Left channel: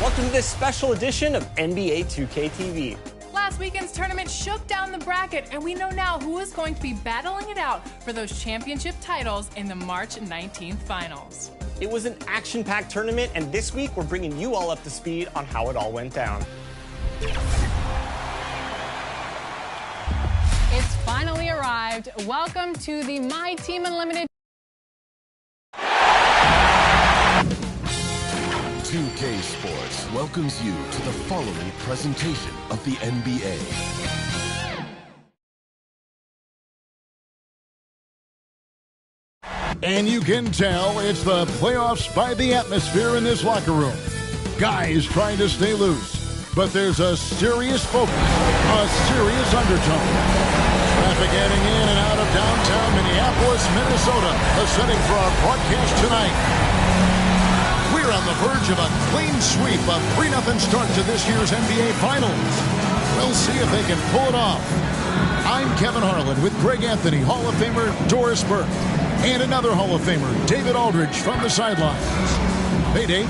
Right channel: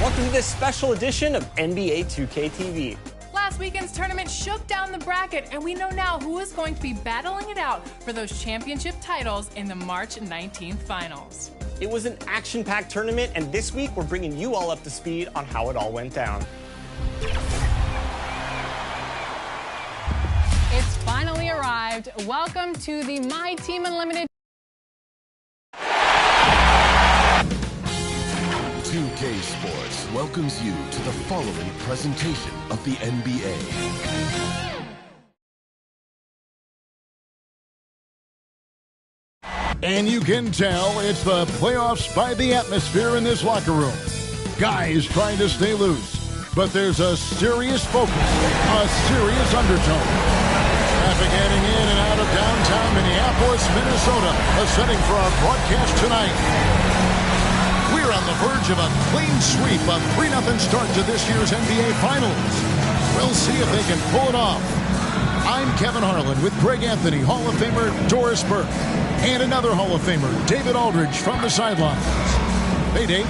Welcome to this special edition of NBA 2K TV. Last weekend's tournament shook down the bracket, and we know now who is going to be battling it out for those championship titles in the March 19th finals. It was an action-packed tournament, and this week we're bringing you all up to speed on how it all went down. It's finally arrived. Welcome to the My Team Unlimited 2K Sports welcomes you to the following presentation of the NBA. And you can tell it's the playoffs by the atmosphere in this locker room. Guys trying to stay loose, but there's a serious focus, a serious undertone. Traffic heading in and out of downtown Minneapolis, Minnesota, a setting for our broadcast tonight. We're on the verge of a clean sweep, a 3-0 start to this year's NBA Finals. We'll see if they can pull it off. I'm Kevin Harlan with Greg Anthony, Hall of Famer Doris Burke, and another Hall of Famer, David Aldridge, from the sidelines. Hey, Dave.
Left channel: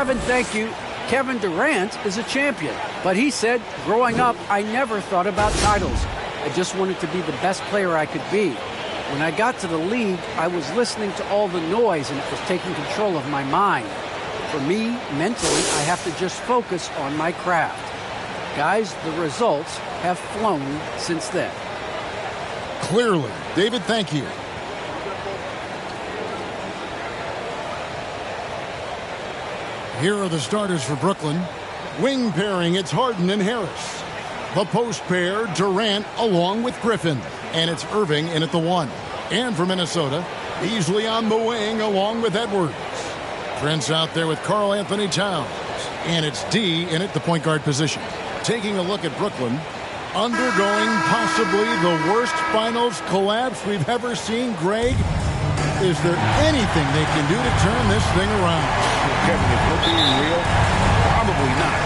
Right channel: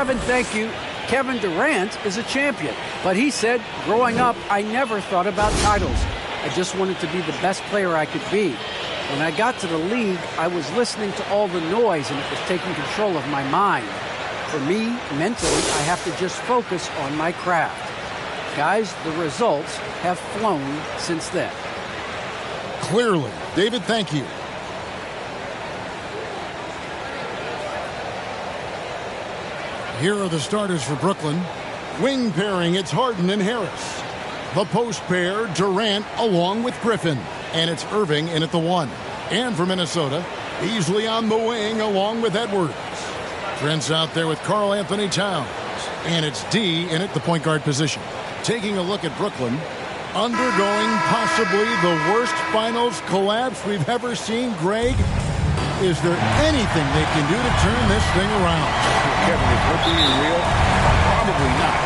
Kevin, thank you. Kevin Durant is a champion, but he said, growing up, I never thought about titles. I just wanted to be the best player I could be. When I got to the league, I was listening to all the noise and it was taking control of my mind. For me, mentally, I have to just focus on my craft. Guys, the results have flown since then. Clearly. David, thank you. Here are the starters for Brooklyn. Wing pairing, it's Harden and Harris. The post pair, Durant along with Griffin. And it's Irving in at the 1. And for Minnesota, Beasley on the wing along with Edwards. Trent's out there with Karl Anthony Towns. And it's D in at the point guard position. Taking a look at Brooklyn, undergoing possibly the worst finals collapse we've ever seen. Greg, is there anything they can do to turn this thing around? Well, Kevin, if we're being real, probably not.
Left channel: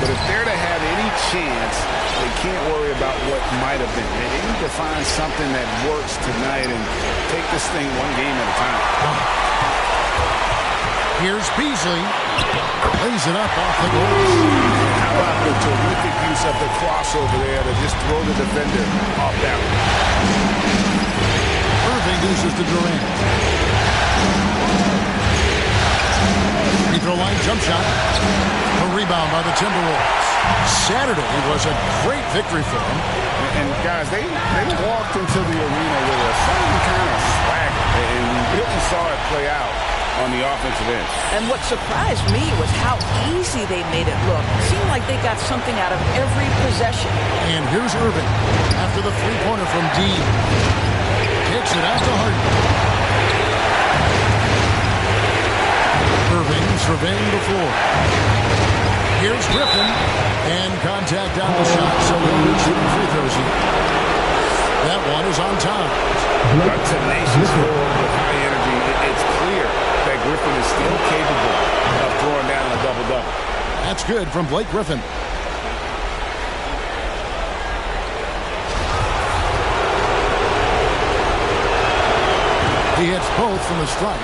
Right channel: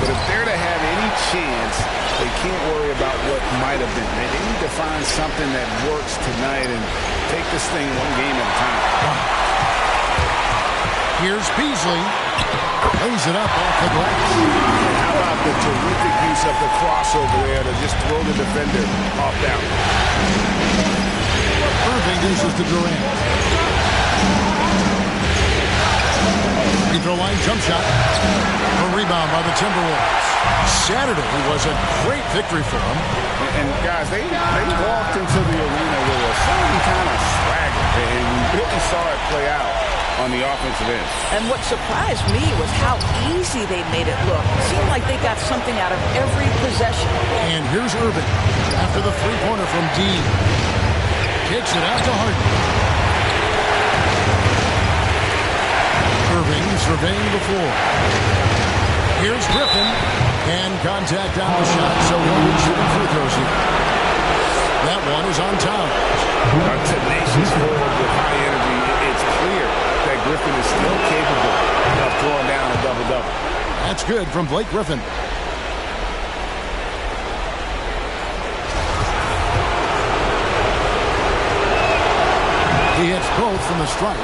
But if they're to have any chance, they can't worry about what might have been. They need to find something that works tonight and take this thing one game at a time. Here's Beasley. Lays it up off the goals. And how about the terrific use of the crossover there to just throw the defender off down. Irving uses to Durant. Free throw line jump shot. A rebound by the Timberwolves. Saturday was a great victory for them. And guys, they walked into the arena with a certain kind of swagger. And we really saw it play out on the offensive end. And what surprised me was how easy they made it look. It seemed like they got something out of every possession. And here's Irving after the three-pointer from D. Kicks it out to Harden. Irving surveying the floor. Here's Griffin. And contact on the shot, so he'll be shooting free throws here. That one is on Towns. A tenacious forward with high energy. It's clear that Griffin is still capable of throwing down a double-double. That's good from Blake Griffin. He hits both from the stripe.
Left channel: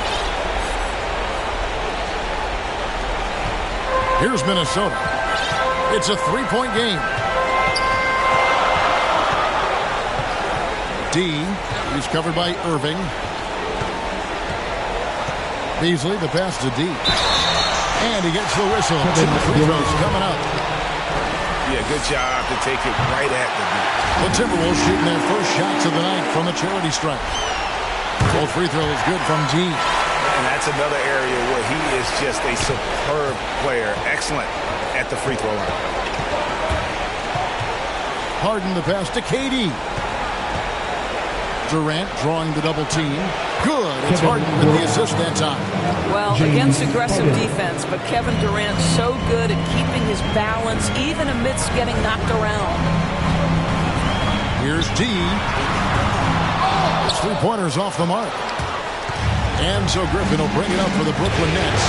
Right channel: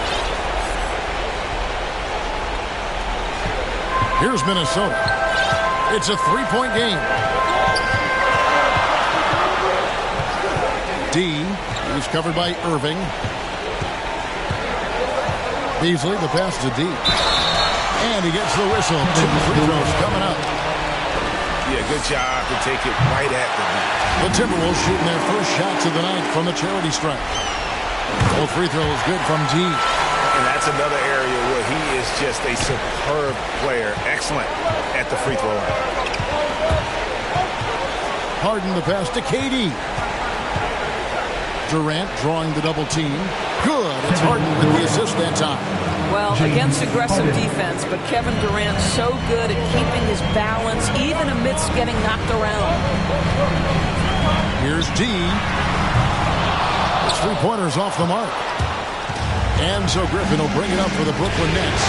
Here's Minnesota. It's a three-point game. D, he's covered by Irving. Beasley, the pass to D. And he gets the whistle. 2 free throws coming up. Yeah, good job to take it right at the D. The Timberwolves shooting their first shots of the night from the charity stripe. Both free throws good from D. And that's another area where he is just a superb player. Excellent at the free throw line. Harden the pass to KD. Durant drawing the double team. Good. It's Harden with the assist that time. Well, against aggressive defense, but Kevin Durant's so good at keeping his balance even amidst getting knocked around. Here's D. His three-pointer's off the mark. And so Griffin will bring it up for the Brooklyn Nets.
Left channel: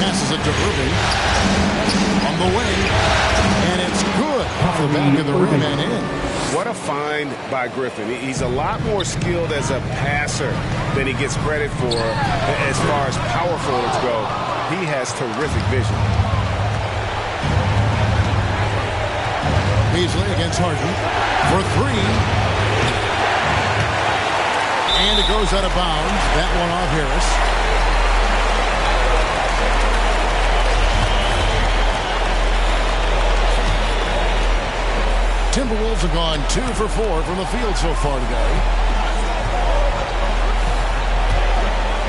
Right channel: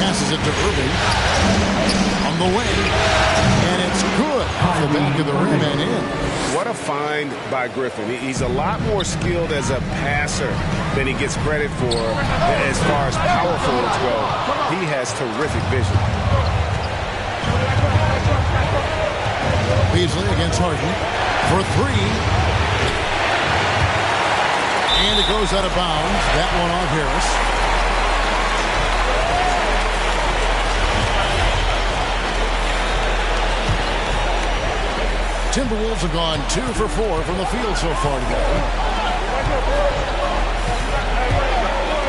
Passes it to Irving. On the wing. And it's good off the back of the rim and in. What a find by Griffin. He's a lot more skilled as a passer than he gets credit for as far as power forwards go. He has terrific vision. Beasley against Harden for three. And it goes out of bounds. That one off Harris. Timberwolves have gone 2 for 4 from the field so far today.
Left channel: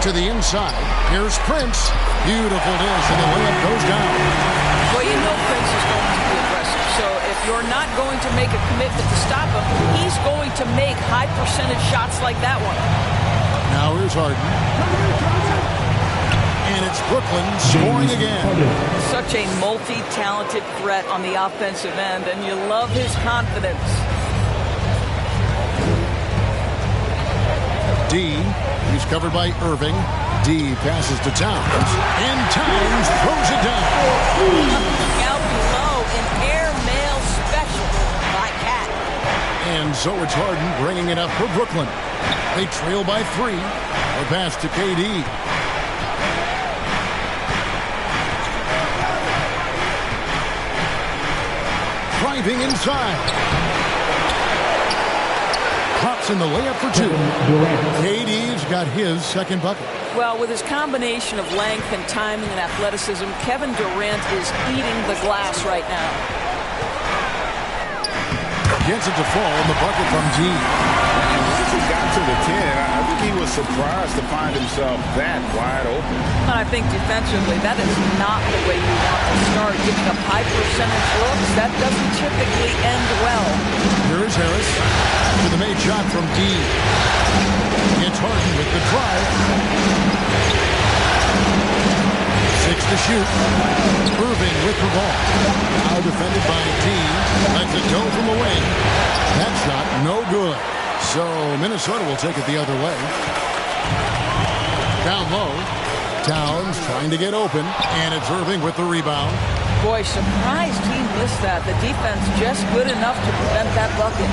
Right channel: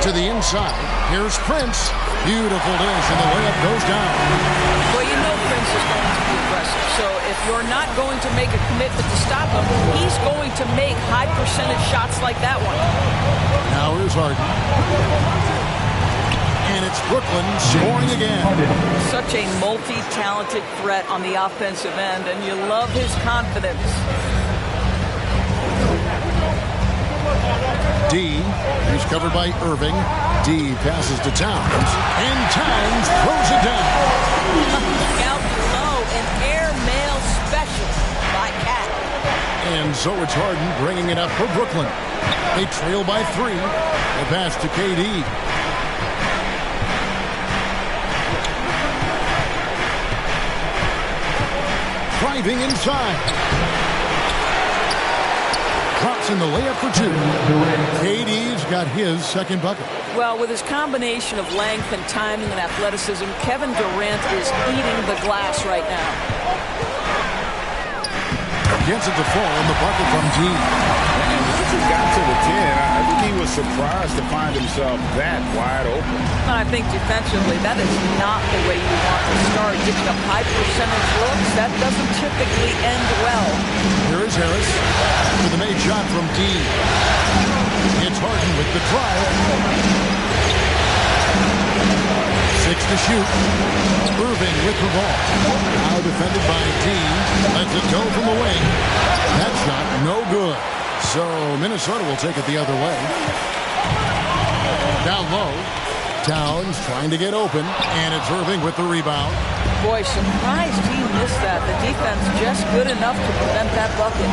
To the inside. Here's Prince. Beautiful dish, and the layup goes down. Well, you know Prince is going to be aggressive. So if you're not going to make a commitment to stop him, he's going to make high-percentage shots like that one. Now here's Harden. And it's Brooklyn scoring again. Such a multi-talented threat on the offensive end, and you love his confidence. D, he's covered by Irving. D passes to Towns, and Towns throws it down. Out below, an airmail special by Cat. And so it's Harden bringing it up for Brooklyn. They trail by 3. The pass to KD. Driving inside. Drops in the layup for 2. KD's got his second bucket. Well, with his combination of length and timing and athleticism, Kevin Durant is eating the glass right now. Gets it to fall in the bucket from D. And once he got to the 10, I think he was surprised to find himself that wide open. And I think defensively, that is not the way you want to start. Giving up high percentage looks, that doesn't typically end well. Here is Harris with a made shot from D. It's Harden with the drive. 6 to shoot. Irving with the ball. Now defended by D. Lets it go from the wing. That shot no good. So Minnesota will take it the other way. Down low. Towns trying to get open. And it's Irving with the rebound. Boy, surprised he missed that. The defense just good enough to prevent that bucket.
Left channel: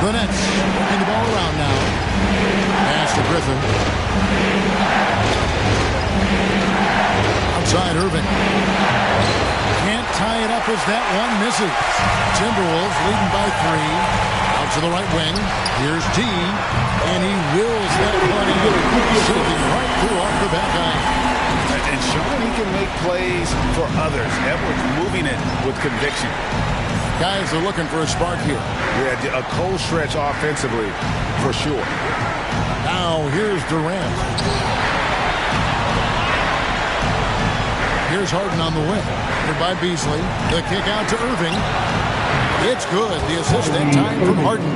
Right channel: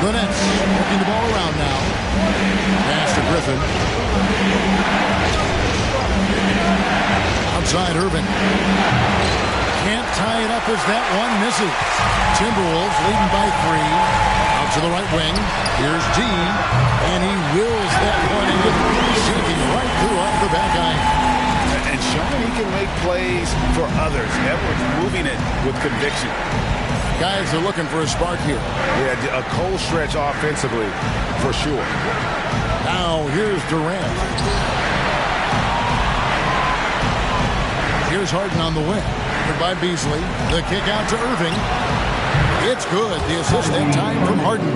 The Nets working the ball around now. Pass to Griffin. Outside Irving. Can't tie it up as that one misses. Timberwolves leading by 3. Out to the right wing. Here's D. And he wills that one in. Sinking right through off the back iron. And showing he can make plays for others. Edwards moving it with conviction. Guys are looking for a spark here. Yeah, a cold stretch offensively, for sure. Now, here's Durant. Here's Harden on the wing. Covered by Beasley. The kick out to Irving. It's good. The assist that time from Harden.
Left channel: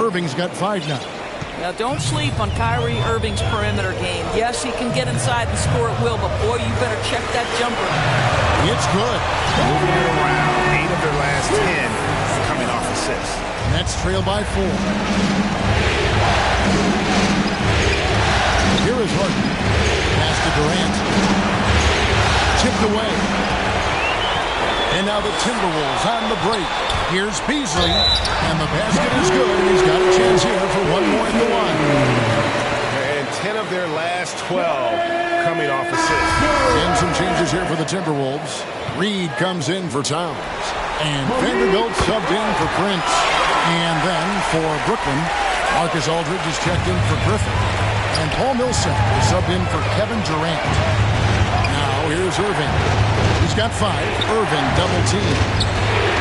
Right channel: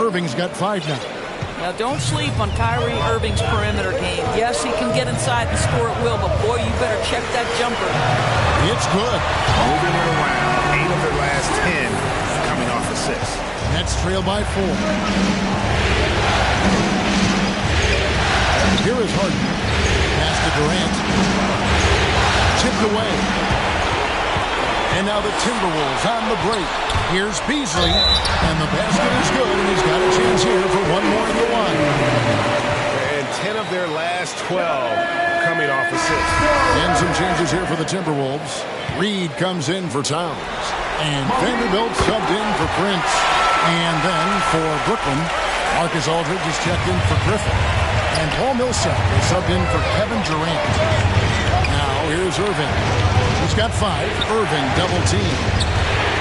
Irving's got 5 now. Now, don't sleep on Kyrie Irving's perimeter game. Yes, he can get inside and score at will, but boy, you better check that jumper. It's good. Moving it around. 8 of their last 10 coming off assists. Nets trail by 4. Here is Harden. Pass to Durant. Tipped away. And now the Timberwolves on the break. Here's Beasley. And the basket is good, and he's got a chance here for one more in the line. And 10 of their last 12 coming off assists. And some changes here for the Timberwolves. Reed comes in for Towns. And Vanderbilt subbed in for Prince. And then for Brooklyn, Marcus Aldridge is checked in for Griffin. And Paul Millsap is subbed in for Kevin Durant. Now here's Irving. He's got 5. Irving double team.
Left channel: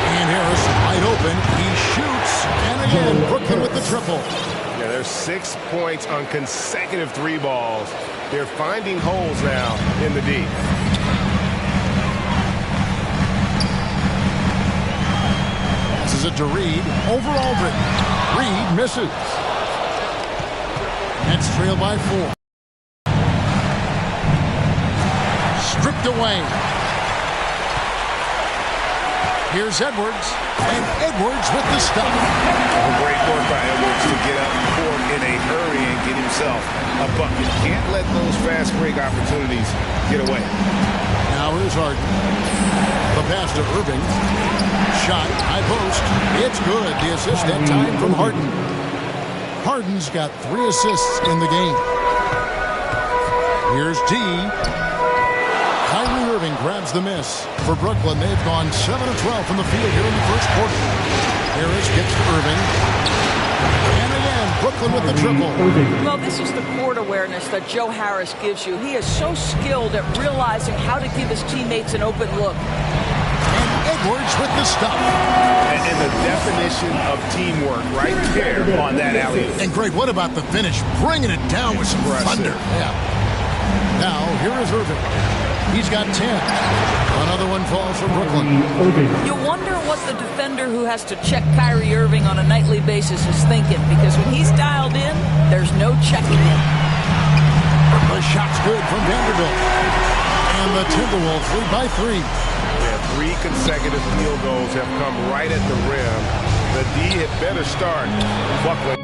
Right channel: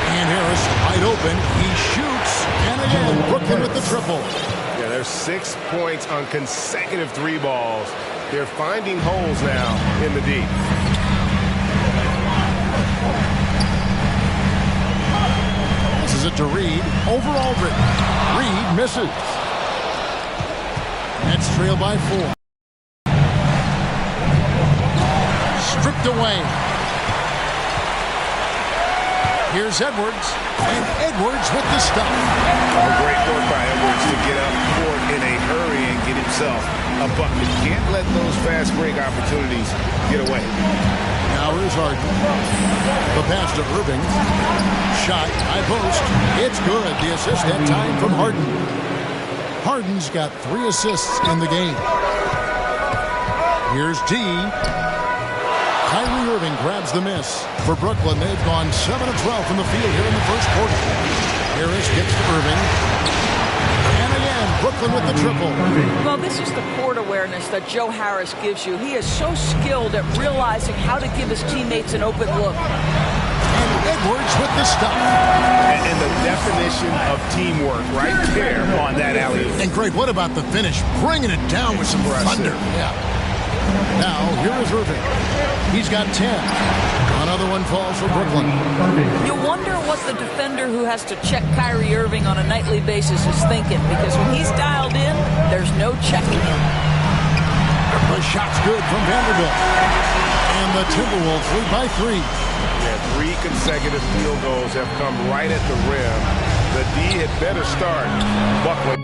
And Harris wide open. He shoots. And again, Brooklyn with the triple. Yeah, there's 6 points on consecutive 3 balls. They're finding holes now in the D. Passes it to Reed. Over Aldridge. Reed misses. Nets trail by 4. Stripped away. Here's Edwards. And Edwards with the stop. Oh, great work by Edwards to get up court in a hurry and get himself a bucket. Can't let those fast break opportunities get away. Now here's Harden. The pass to Irving. Shot, high post. It's good. The assist that time from Harden. Harden's got 3 assists in the game. Here's D. Kyrie Irving grabs the miss. For Brooklyn, they've gone 7 of 12 from the field here in the first quarter. Harris gets to Irving. And again, Brooklyn with the triple. Well, this is the court awareness that Joe Harris gives you. He is so skilled at realizing how to give his teammates an open look. And Edwards with the stop. And the definition of teamwork right there on that alley-oop. And Greg, what about the finish? Bringing it down with some thunder. Yeah. Now, here is Irving. He's got 10. Another one falls for Brooklyn. You wonder what the defender who has to check Kyrie Irving on a nightly basis is thinking, because when he's dialed in, there's no checking him. The shot's good from Vanderbilt. And the Timberwolves lead by 3. Yeah, 3 consecutive field goals have come right at the rim. The D had better start buckling.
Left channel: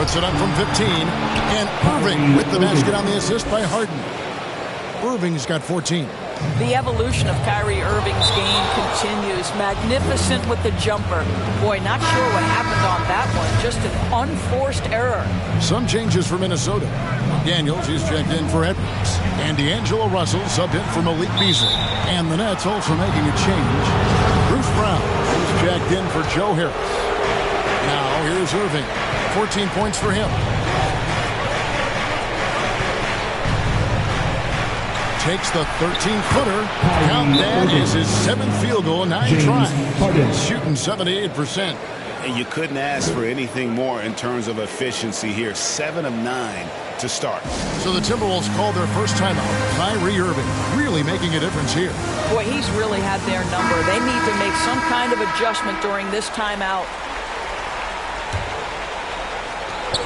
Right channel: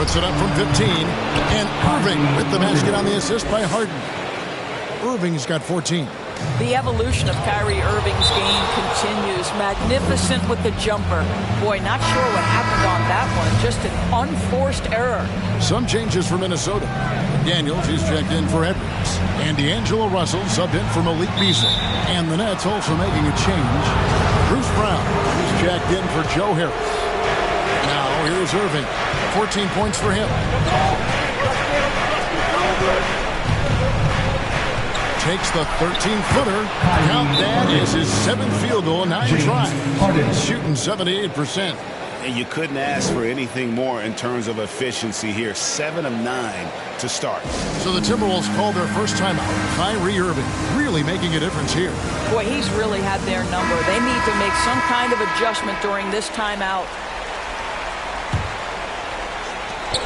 Puts it up from 15. And Irving with the basket on the assist by Harden. Irving's got 14. The evolution of Kyrie Irving's game continues. Magnificent with the jumper. Boy, not sure what happened on that one. Just an unforced error. Some changes for Minnesota. McDaniels, he's checked in for Edwards. And D'Angelo Russell subbed in for Malik Beasley. And the Nets also making a change. Bruce Brown, he's checked in for Joe Harris. Now here's Irving. 14 points for him. Takes the 13-footer. Count that is his 7th field goal in 9 tries. He's shooting 78%. And you couldn't ask for anything more in terms of efficiency here. 7 of 9 to start. So the Timberwolves called their first timeout. Kyrie Irving really making a difference here. Boy, he's really had their number. They need to make some kind of adjustment during this timeout.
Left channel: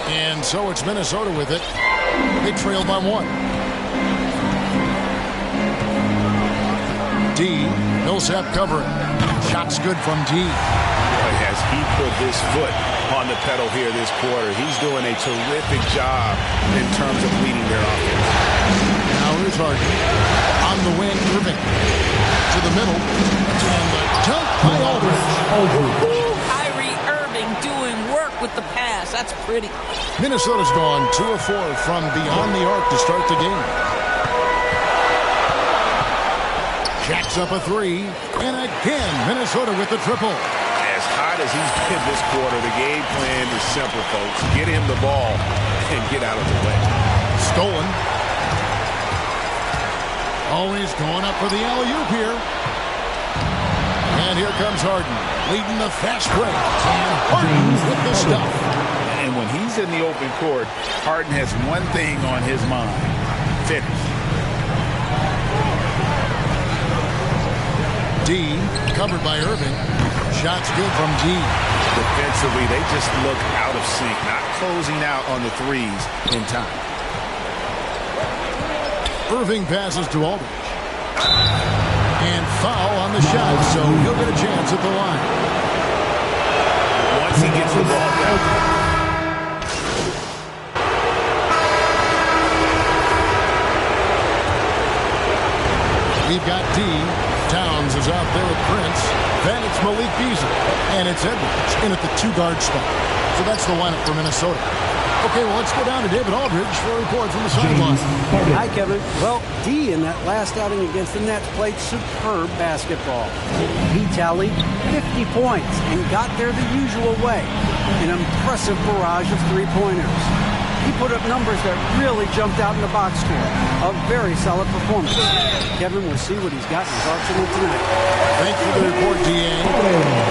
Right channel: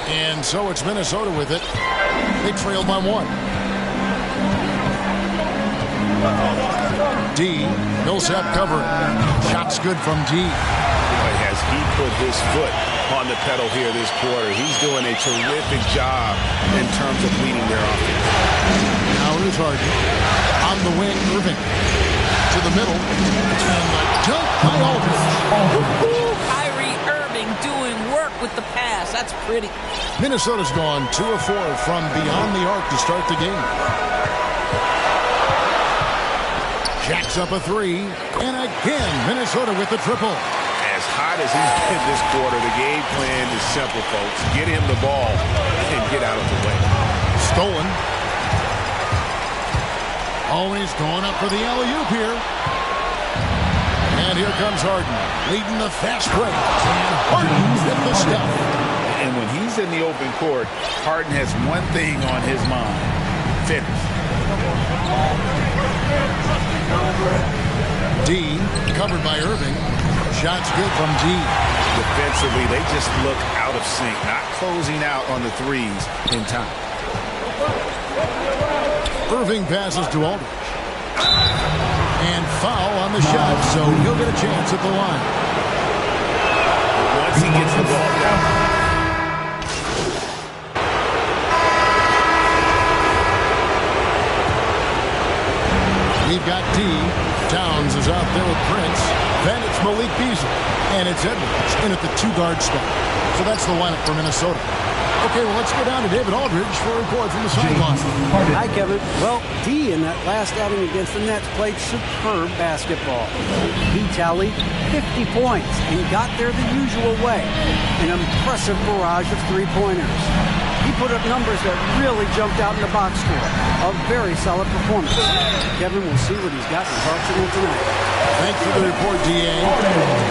And so it's Minnesota with it. They trailed by 1. D. Millsap covering. Shot's good from D. Boy, has he put his foot on the pedal here this quarter. He's doing a terrific job in terms of leading their offense. Now here's Harden. On the wing, Irving. To the middle. And the dunk by Aldridge. Kyrie Irving doing work with the pass. That's pretty. Minnesota's gone 2 of 4 from beyond the arc to start the game. Jacks up a 3, and again, Minnesota with the triple. As hot as he's been this quarter, the game plan is simple, folks. Get him the ball and get out of the way. Stolen. Always going up for the alley-oop here. And here comes Harden, leading the fast break. And Harden with the stuff. And when he's in the open court, Harden has one thing on his mind. Finish. D, covered by Irving. Shot's good from D. Defensively, they just look out of sync, not closing out on the threes in time. Irving passes to Aldridge. And foul on the shot, so he'll get a chance at the line. Once he gets the ball down. We've got D. Towns is out there with Prince. Then it's Malik Beasley. And it's Edwards in at the 2-guard spot. So that's the lineup for Minnesota. Okay, well, let's go down to David Aldridge for a report from the sideline. Hi, Kevin. Well, D in that last outing against the Nets played superb basketball. He tallied 50 points and got there the usual way. An impressive barrage of three-pointers. He put up numbers that really jumped out in the box score. A very solid performance. Kevin will see what he's got in his arsenal tonight. Thanks for the report, D.A.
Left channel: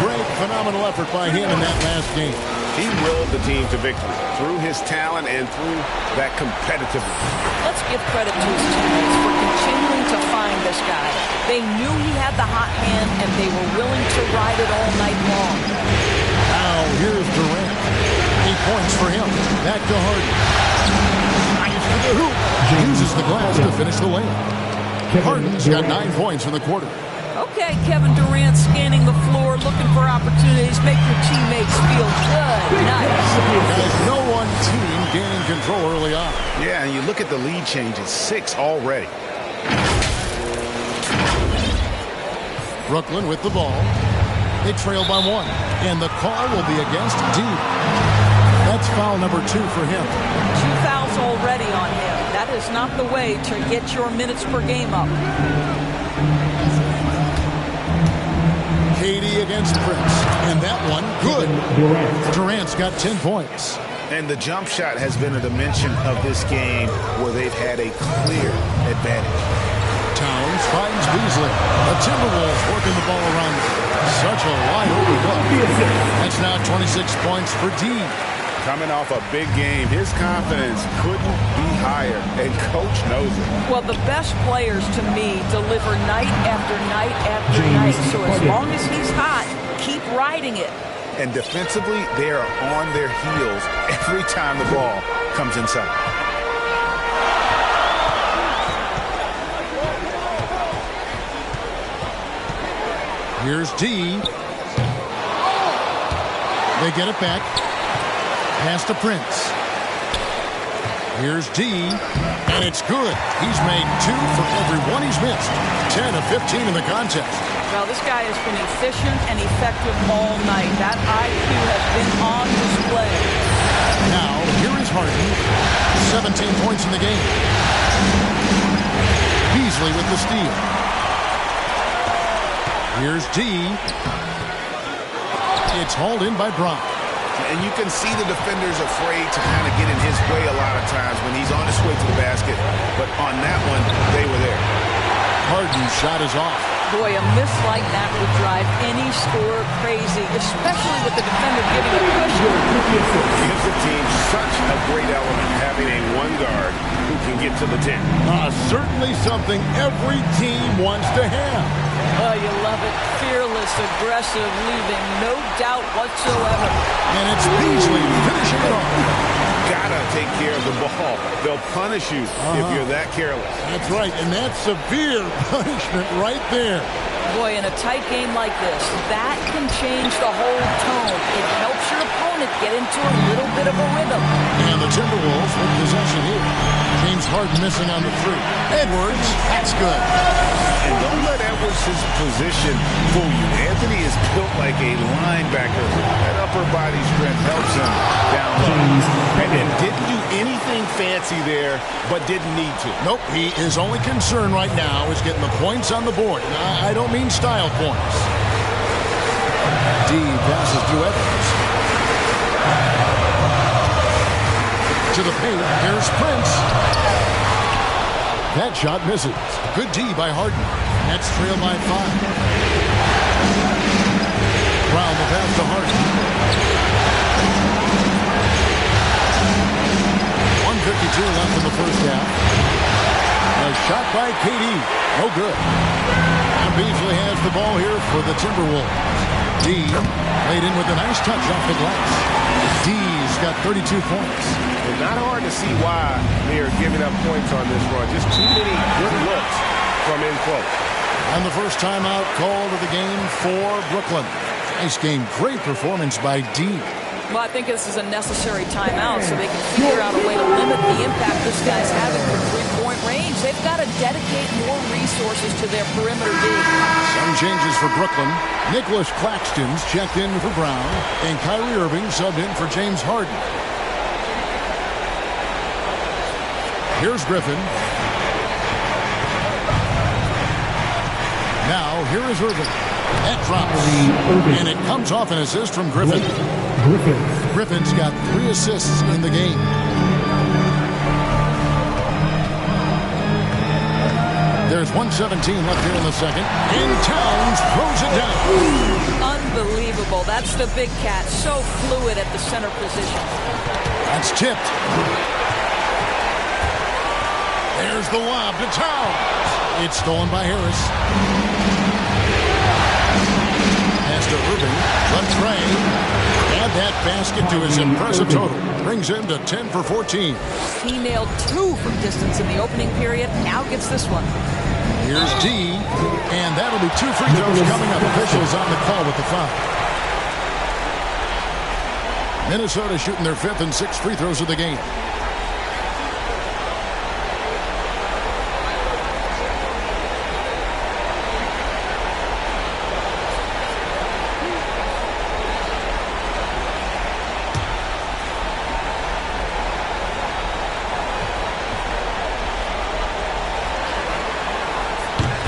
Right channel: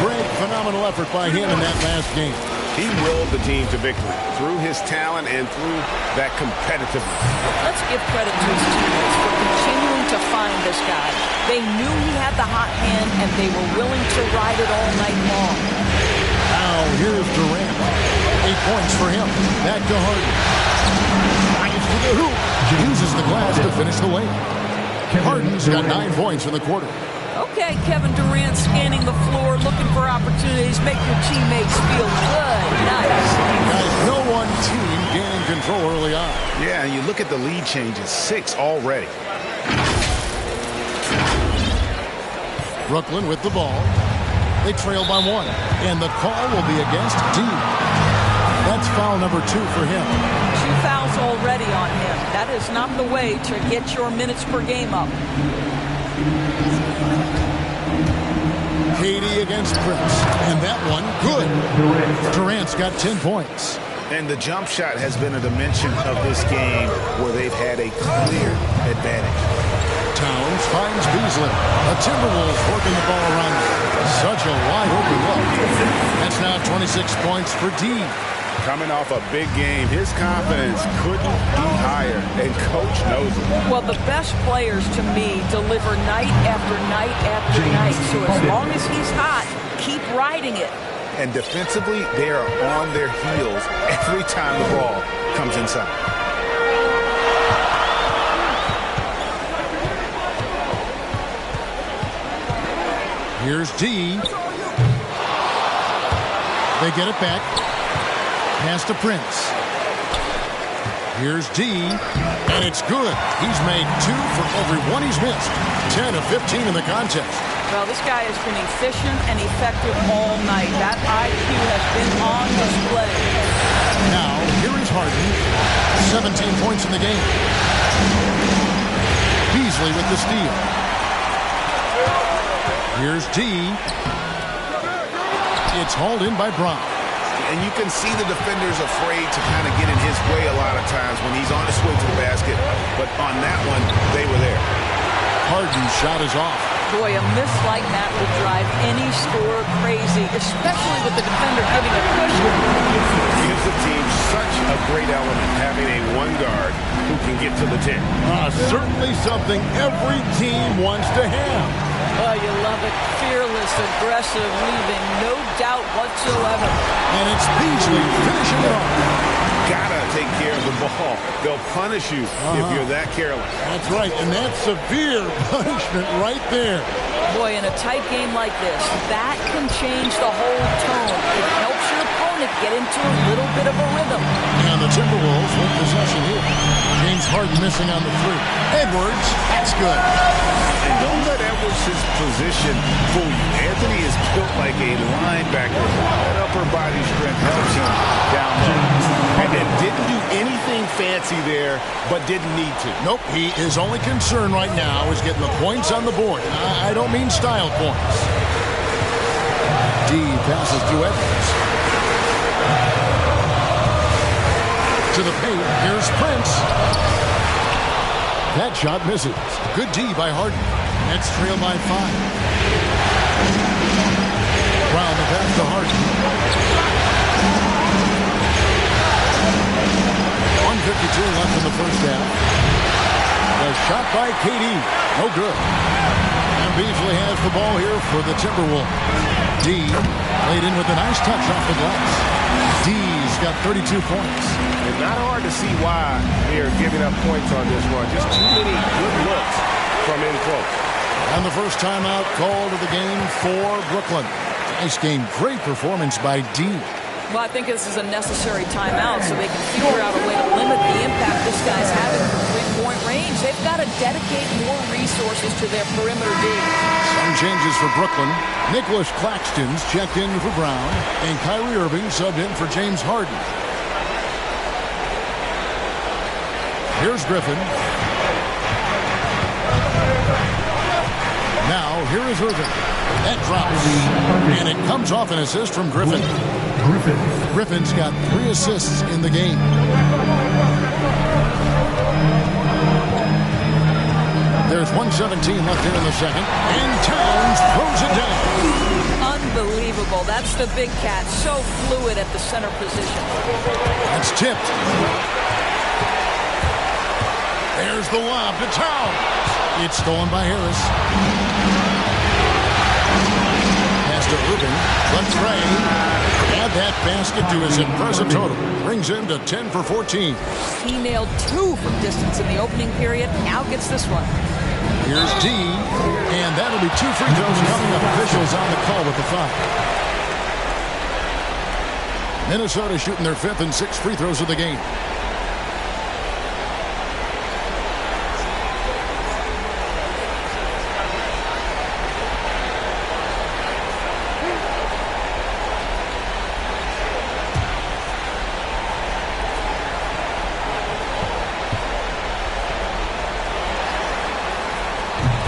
Great, phenomenal effort by him in that last game. He willed the team to victory through his talent and through that competitiveness. Let's give credit to his teammates for continuing to find this guy. They knew he had the hot hand, and they were willing to ride it all night long. Now here's Durant. 8 points for him. Back to Harden. Drives to the hoop. Uses the glass to finish the layup. Harden's got 9 points in the quarter. Okay, Kevin Durant scanning the floor, looking for opportunities. Make your teammates feel good. Nice. Guys, no one team gaining control early on. Yeah, and you look at the lead changes. 6 already. Brooklyn with the ball. They trail by 1. And the call will be against D. That's foul number 2 for him. 2 fouls already on him. That is not the way to get your minutes per game up. KD against Prince. And that one, good. Durant's got 10 points. And the jump shot has been a dimension of this game where they've had a clear advantage. Towns finds Beasley. The Timberwolves working the ball around. Such a wide open look. That's now 26 points for D. Coming off a big game, his confidence couldn't be higher, and Coach knows it. Well, the best players, to me, deliver night after night after night. So as long as he's hot, keep riding it. And defensively, they are on their heels every time the ball comes inside. Here's D. They get it back. Pass to Prince. Here's D, and it's good. He's made 2 for every one he's missed. 10 of 15 in the contest. Well, this guy has been efficient and effective all night. That IQ has been on display. Now, here is Harden. 17 points in the game. Beasley with the steal. Here's D. It's hauled in by Brown. And you can see the defenders afraid to kind of get in his way a lot of times when he's on his way to the basket. But on that one, they were there. Harden's shot is off. Boy, a miss like that would drive any scorer crazy, especially with the defender giving a cushion. Gives the team such a great element having a one guard who can get to the 10. Certainly something every team wants to have. Oh, you love it. Fearless, aggressive, leaving no doubt whatsoever. And it's Beasley finishing it off. Gotta take care of the ball. They'll punish you if you're that careless. That's right, and that's severe punishment right there. Boy, in a tight game like this, that can change the whole tone. It helps your opponent get into a little bit of a rhythm. And the Timberwolves with possession here. James Harden missing on the 3. Edwards, that's good. And don't let Edwards' position fool you. Anthony is built like a linebacker. That upper body strength helps him down low. And didn't do anything fancy there, but didn't need to. Nope, his only concern right now is getting the points on the board. And I don't mean style points. D passes through Edwards. To the paint, here's Prince. That shot misses. Good D by Harden. Nets trail by 5. Brown the pass to Harden. 1:52 left in the first half. The shot by KD. No good. And Beasley has the ball here for the Timberwolves. D laid in with a nice touch off the glass. D's got 32 points. It's not hard to see why they are giving up points on this run. Just too many good looks from in close. And the first timeout called of the game for Brooklyn. Nice game. Great performance by D. Well, I think this is a necessary timeout so they can figure out a way to limit the impact this guy's having from three-point range. They've got to dedicate more resources to their perimeter D. Some changes for Brooklyn. Nicholas Claxton's checked in for Brown, and Kyrie Irving subbed in for James Harden. Here's Griffin. Now, here is Irving. That drops. And it comes off an assist from Griffin. Griffin's got 3 assists in the game. There's 1:17 left here in the second. And Towns throws it down. Unbelievable. That's the big cat. So fluid at the center position. That's tipped. There's the lob to Towns. It's stolen by Harris. Pass to Irving. Left Trey. Add that basket to his impressive total. Brings him to 10 for 14. He nailed 2 from distance in the opening period. Now gets this one. Here's D. And that'll be 2 free throws coming up. Officials on the call with the foul. Minnesota shooting their 5th and 6th free throws of the game.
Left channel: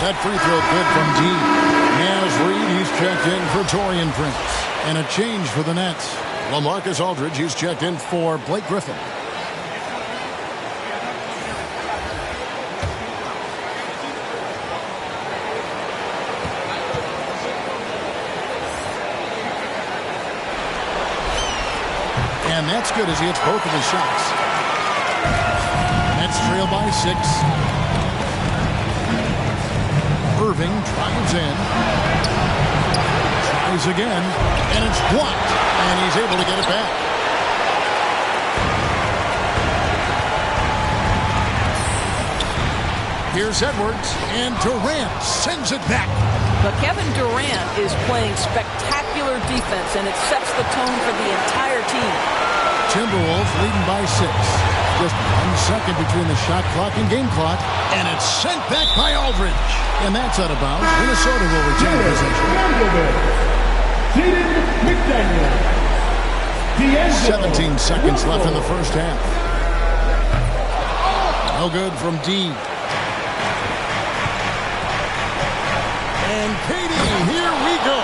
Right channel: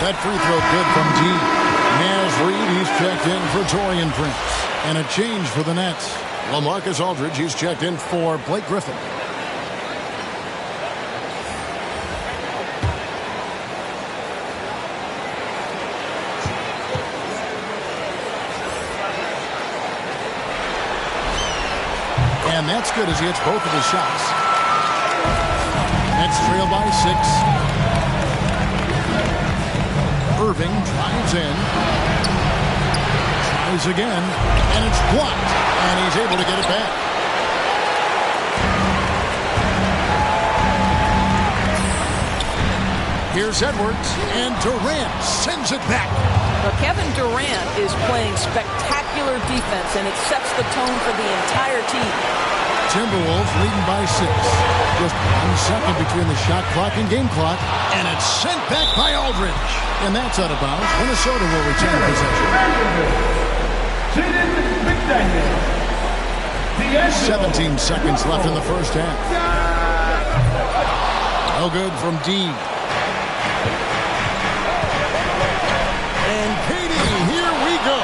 That free throw good from D. Naz Reid, he's checked in for Taurean Prince. And a change for the Nets. LaMarcus Aldridge, he's checked in for Blake Griffin. And that's good as he hits both of his shots. Nets trail by 6. Irving drives in, tries again, and it's blocked, and he's able to get it back. Here's Edwards, and Durant sends it back. But Kevin Durant is playing spectacular defense, and it sets the tone for the entire team. Timberwolves leading by 6. Just 1 second between the shot clock and game clock. And it's sent back by Aldridge. And that's out of bounds. Minnesota will retain possession. 17 seconds left in the first half. No good from D. And KD, here we go.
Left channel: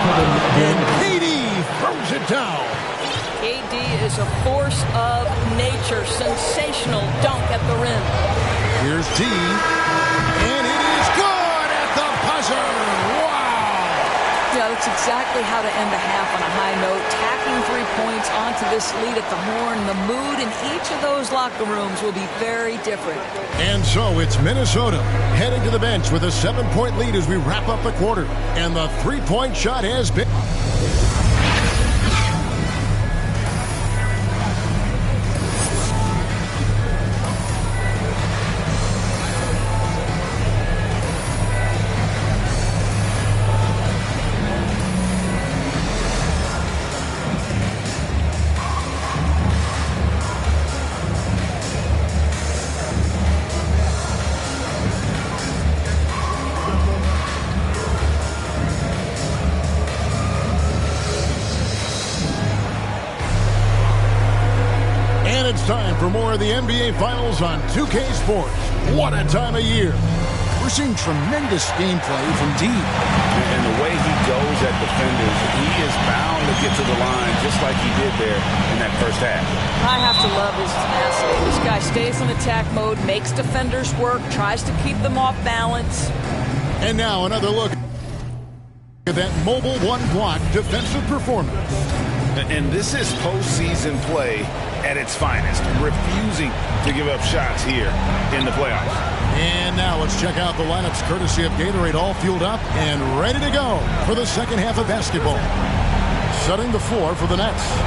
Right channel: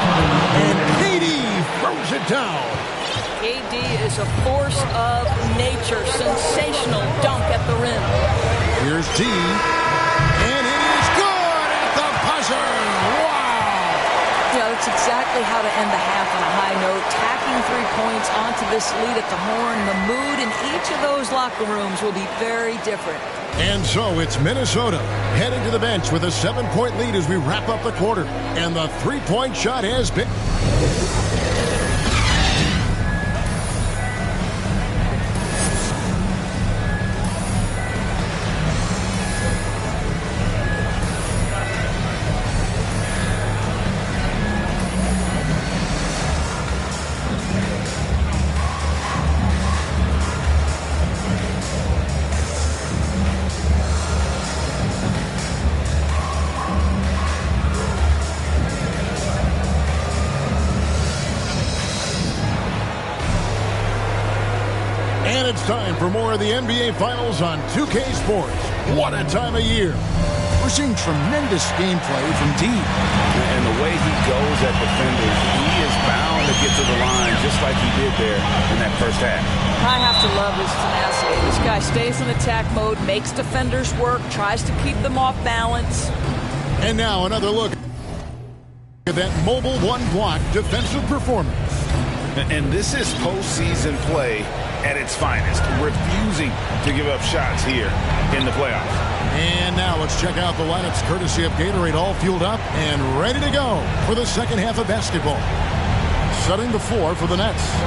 And KD throws it down. KD is a force of nature. Sensational dunk at the rim. Here's D. And it is good at the buzzer. Wow. Yeah, that's exactly how to end the half on a high note. Tacking 3 points onto this lead at the horn. The mood in each of those locker rooms will be very different. And so it's Minnesota heading to the bench with a 7-point lead as we wrap up the quarter. And the three-point shot has been... It's time for more of the NBA Finals on 2K Sports. What a time of year. We're seeing tremendous gameplay from D. And the way he goes at defenders, he is bound to get to the line just like he did there in that first half. I have to love his tenacity. This guy stays in attack mode, makes defenders work, tries to keep them off balance. And now another look at that mobile one-block defensive performance. And this is postseason play at its finest, refusing to give up shots here in the playoffs. And now let's check out the lineups courtesy of Gatorade, all fueled up and ready to go for the second half of basketball. Setting the floor for the Nets,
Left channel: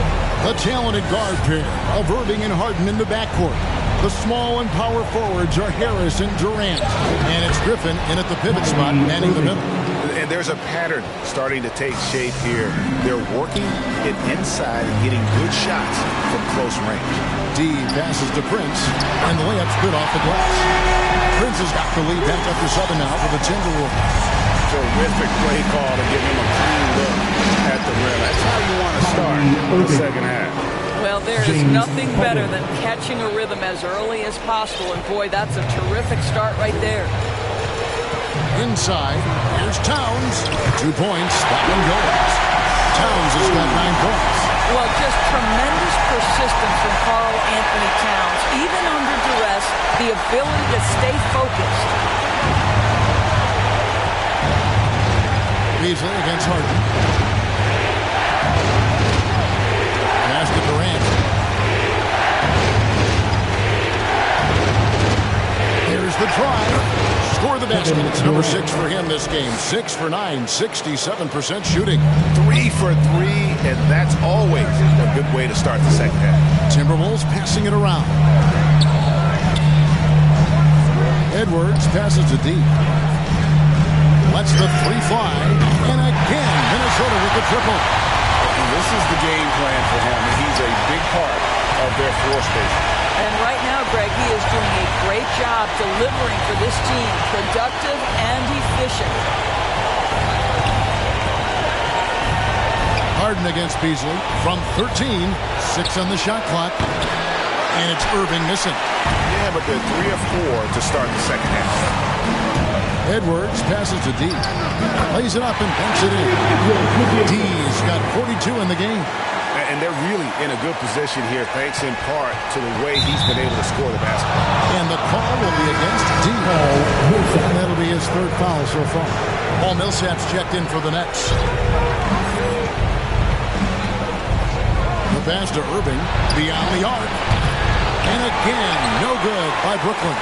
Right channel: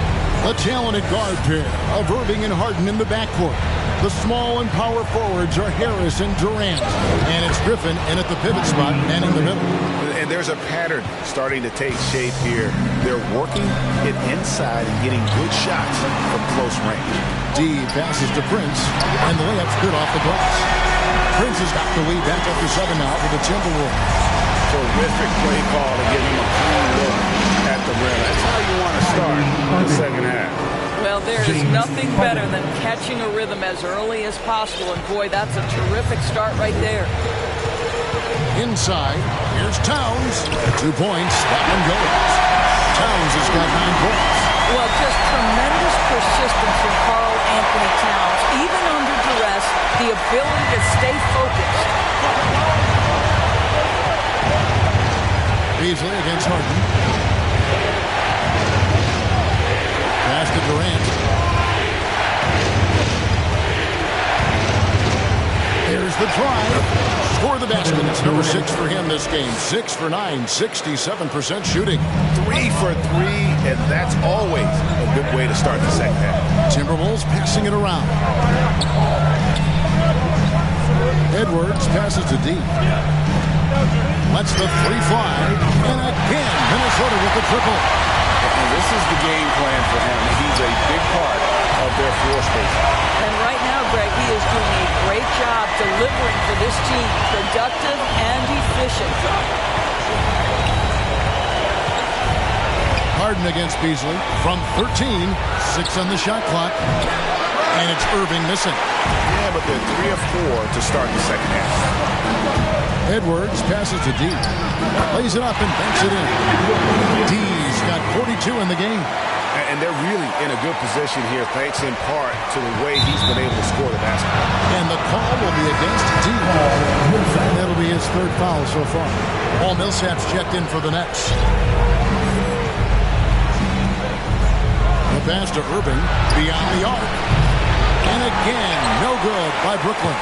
the talented guard pair of Irving and Harden in the backcourt. The small and power forwards are Harris and Durant. And it's Griffin in at the pivot spot, manning the middle. And there's a pattern starting to take shape here. They're working it inside and getting good shots from close range. D passes to Prince, and the layup's good off the glass. Prince has got the lead back up to 7 now for the Timberwolves. Terrific play call to give him a clean look at the rim. That's how you want to start the second half. Well, there is nothing better than catching a rhythm as early as possible. And, boy, that's a terrific start right there. Inside, here's Towns. 2 points, that one goes. Towns has got 9 points. Well, just tremendous persistence from Karl Anthony Towns. Even under duress, the ability to stay focused. Beasley against Harden. Pass to Durant. Here's the drive. Score the basket. It's number 6 for him this game. 6 for 9, 67% shooting. 3 for 3, and that's always a good way to start the second half. Timberwolves passing it around. Edwards passes to D. Lets the 3 fly. And again, Minnesota with the triple. And this is the game plan for him. He's a big part of their floor spacing. And right now, Greg, he is doing a great job delivering for this team. Productive and efficient. Harden against Beasley from 13. 6 on the shot clock. And it's Irving missing. Yeah, but they're 3 of 4 to start the second half. Edwards passes to D. Lays it up and banks it in. D's got 42 in the game. And they're really in a good position here, thanks in part to the way he's been able to score the basketball. And the call will be against D. And that'll be his 3rd foul so far. Paul Millsap's checked in for the Nets. The pass to Irving beyond the arc. And again, no good by Brooklyn.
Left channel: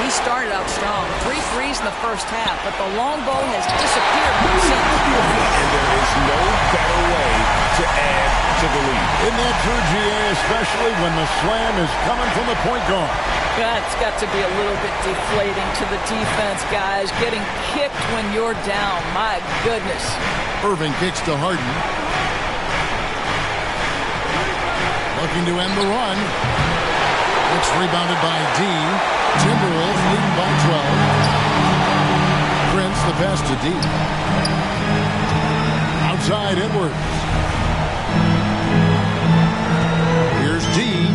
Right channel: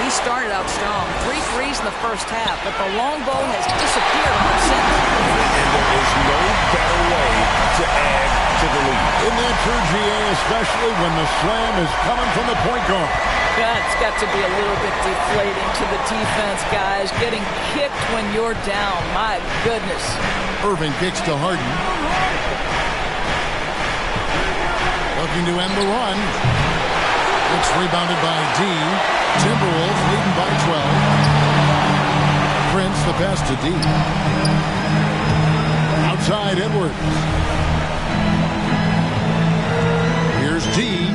He started out strong. 3 threes in the first half, but the long ball has disappeared on him since. And there is no better way to add to the lead. Isn't that true, GA, especially when the slam is coming from the point guard? That's got to be a little bit deflating to the defense, guys. Getting kicked when you're down. My goodness. Irving kicks to Harden. Looking to end the run. It's rebounded by D. Timberwolves leading by 12. Prince, the pass to D. Outside, Edwards. Here's D.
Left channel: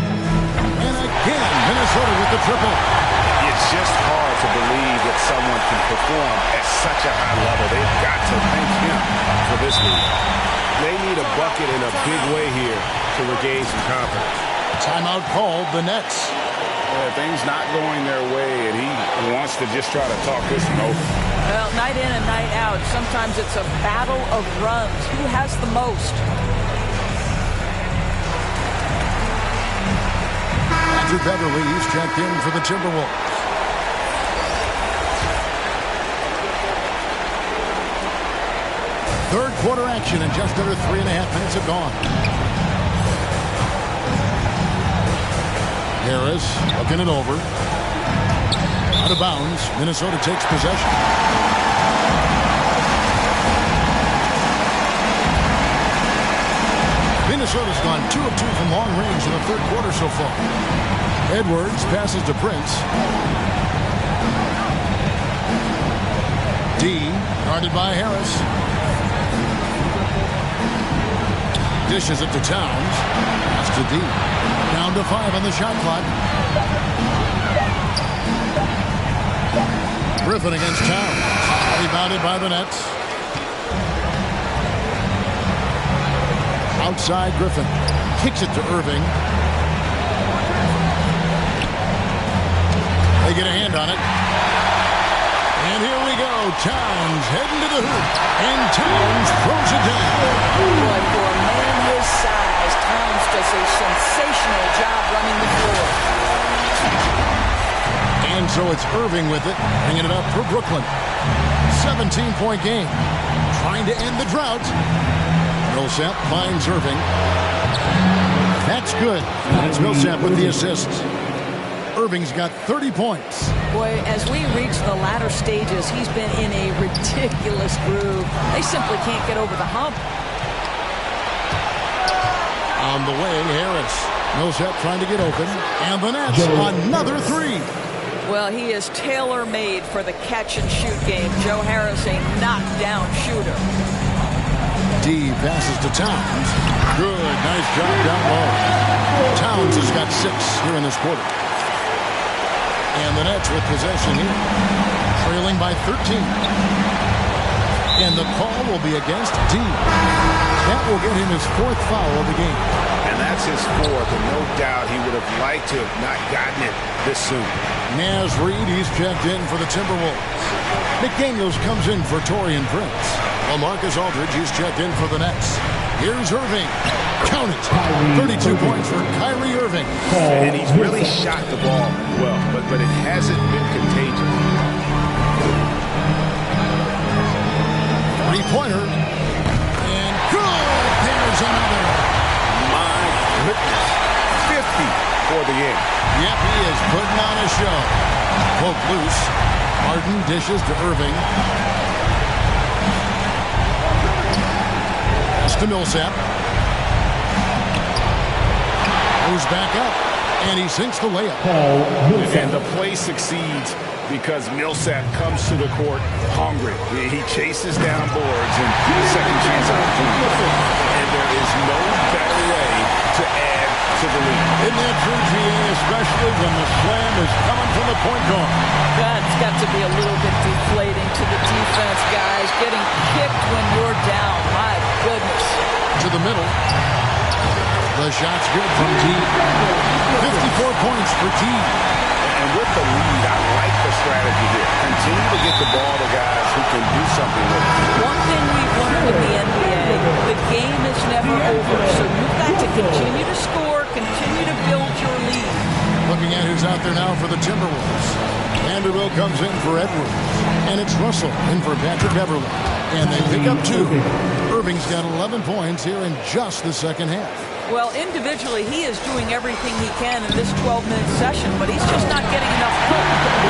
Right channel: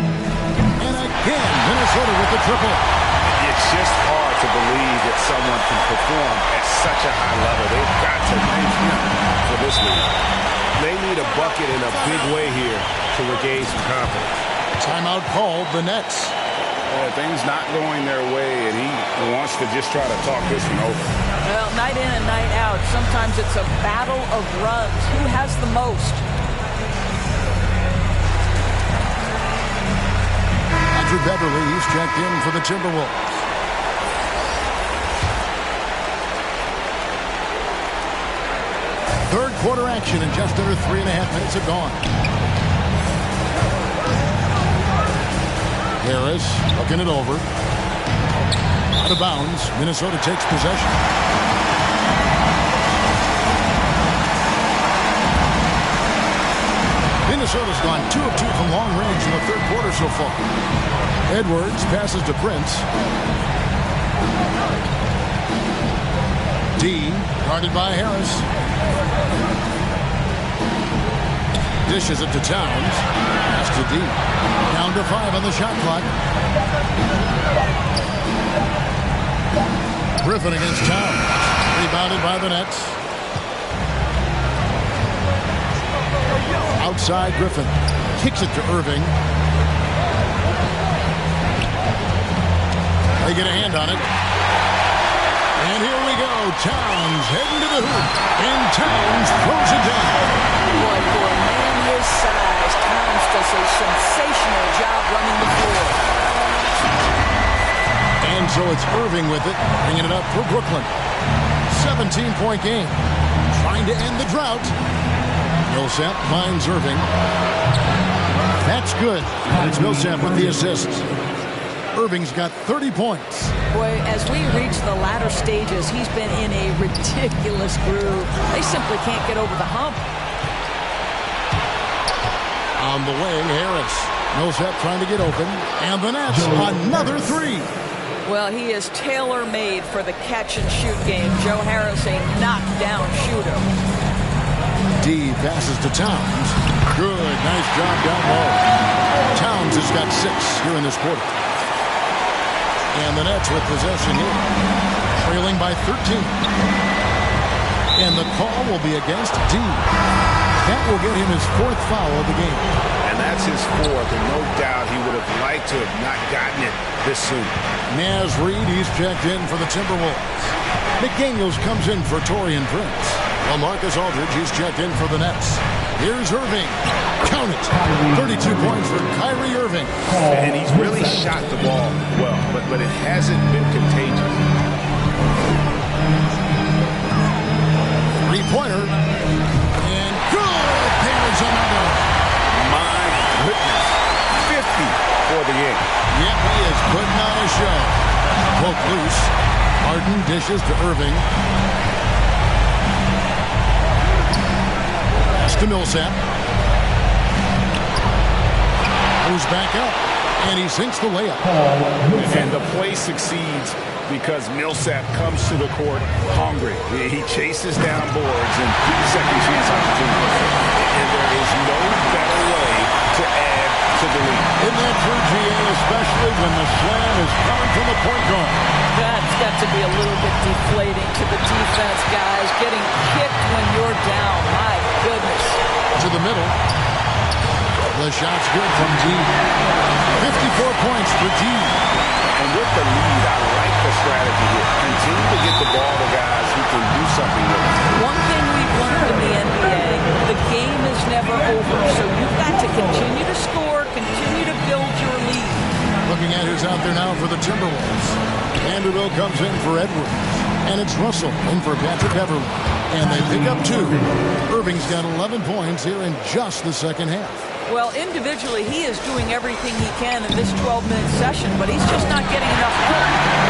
And again, Minnesota with the triple. It's just hard to believe that someone can perform at such a high level. They've got to thank him for this lead. They need a bucket in a big way here to regain some confidence. Timeout called, the Nets. Things not going their way, and he wants to just try to talk this one over. Well, night in and night out, sometimes it's a battle of runs. Who has the most? Patrick Beverly, he's checked in for the Timberwolves. Third quarter action, and just under 3.5 minutes have gone. Harris looking it over. Out of bounds. Minnesota takes possession. Minnesota's gone 2 of 2 from long range in the third quarter so far. Edwards passes to Prince. D, guarded by Harris. Dishes it to Towns. Pass to D. Down to 5 on the shot clock. Griffin against Towns. Rebounded by the Nets. Outside, Griffin. Kicks it to Irving. They get a hand on it. And here we go. Towns heading to the hoop. And Towns throws it down. Boy, for a man his size, Towns does a sensational job running the floor. And so it's Irving with it, bringing it up for Brooklyn. 17-point game. Trying to end the drought. Millsap finds Irving. That's good. And it's Millsap with the assist. Irving's got 30 points. Boy, as we reach the latter stages, he's been in a ridiculous groove. They simply can't get over the hump. On the wing, Harris. Millsap trying to get open. And the Nets, another 3. Well, he is tailor-made for the catch-and-shoot game. Joe Harris, a knockdown shooter. D passes to Towns. Good, nice job down low. Towns has got 6 here in this quarter. And the Nets with possession here. Trailing by 13. And the call will be against D. That will get him his 4th foul of the game. And that's his 4th, and no doubt he would have liked to have not gotten it this soon. Naz Reid, he's checked in for the Timberwolves. McDaniels comes in for Taurean Prince. Well, Marcus Aldridge, he's checked in for the Nets. Here's Irving. Count it. 32 points for Kyrie Irving. And he's really shot the ball well, but it hasn't been contagious. 3-pointer. And good. There's another. My goodness. 50 for the game. Yep, he is putting on a show. Poke loose. Harden dishes to Irving. Pass to Millsap. Goes back up. And he sinks the layup. And the play succeeds because Millsap comes to the court hungry. He chases down boards and second chance opportunities. And there is no better way to add to the lead. Isn't that true, GA, especially when the slam is coming from the point guard? That's got to be a little bit deflating to the defense, guys. Getting kicked when you're down. My goodness. To the middle. The shot's good from D. 54 points for D. And with the lead, I like the strategy here. Continue to get the ball to guys who can do something with it. One thing we've learned in the NBA, the game is never over. So you've got to continue to score, continue to build your lead. Looking at who's out there now for the Timberwolves. Vanderbilt comes in for Edwards. And it's Russell in for Patrick Beverly. And they pick up 2. Irving's got 11 points here in just the second half. Well, individually, he is doing everything he can in this 12-minute session, but he's just not getting enough help.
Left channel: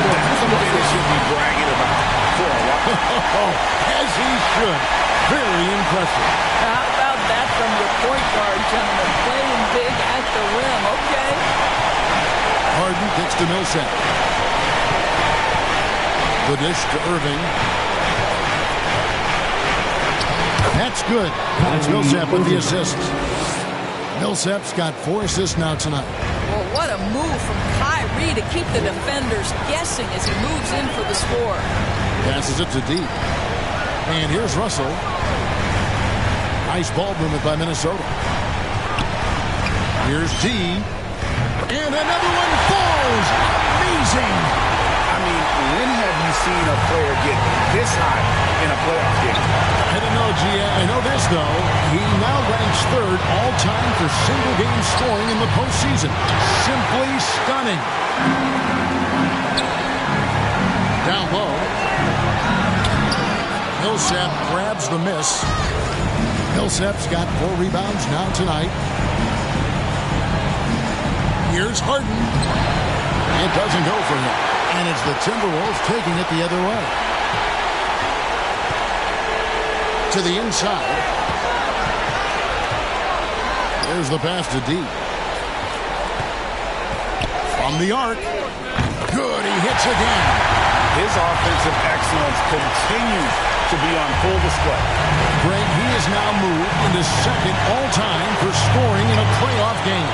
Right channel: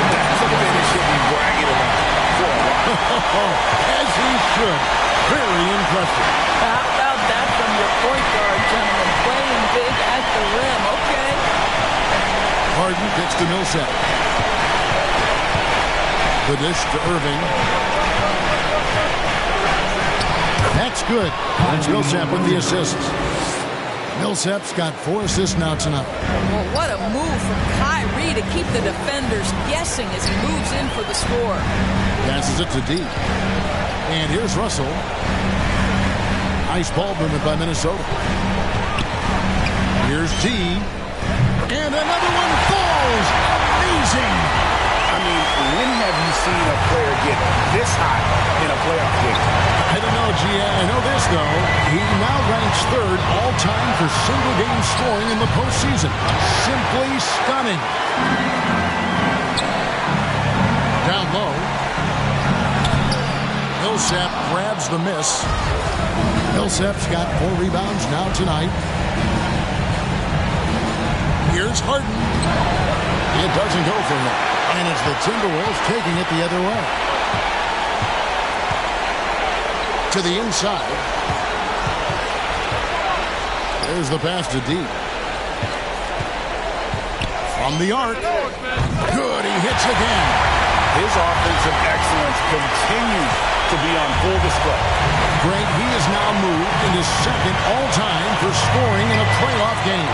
That's a finish he'll be bragging about for a while. As he should. Very impressive. How about that from your point guard, gentlemen? Playing big at the rim. Okay. Harden kicks to Millsap. The dish to Irving. That's good. And it's Millsap with the assists. Millsap's got 4 assists now tonight. Well, what a move from Kyrie to keep the defenders guessing as he moves in for the score. Passes it to D. And here's Russell. Nice ball movement by Minnesota. Here's D. And another one falls. Amazing. I mean, when have you seen a player get this hot in a playoff game? I don't know, G. I know this, though. He now ranks 3rd all-time for single-game scoring in the postseason. Simply stunning. Down low. Millsap grabs the miss. Millsap's got 4 rebounds now tonight. Here's Harden. It doesn't go for him. And it's the Timberwolves taking it the other way. To the inside. There's the pass to D. From the arc. Good, he hits again. His offensive excellence continues to be on full display. Greg, he has now moved into 2nd all-time for scoring in a playoff game.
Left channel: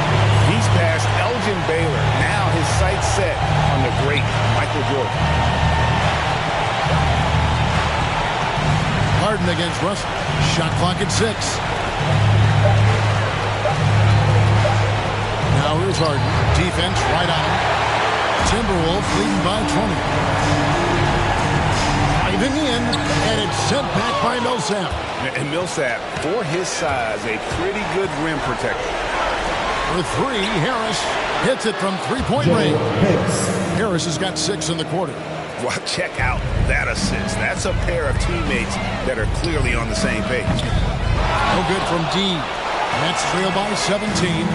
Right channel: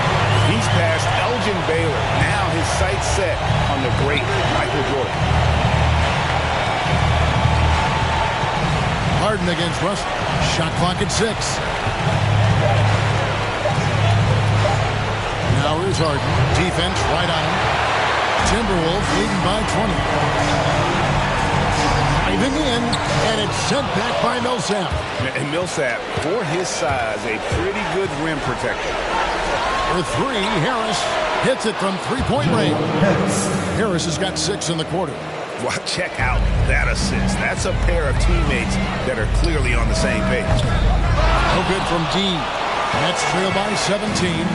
He's passed Elgin Baylor. Now his sights set on the great Michael Jordan. Harden against Russell. Shot clock at 6. Now here's Harden. Defense right on him. Timberwolves leading by 20. Driving in, and it's sent back by Millsap. And Millsap, for his size, a pretty good rim protector. For 3, Harris hits it from 3-point range. Harris has got 6 in the quarter. Well, check out that assist. That's a pair of teammates that are clearly on the same page. No good from D. Nets trail by 17.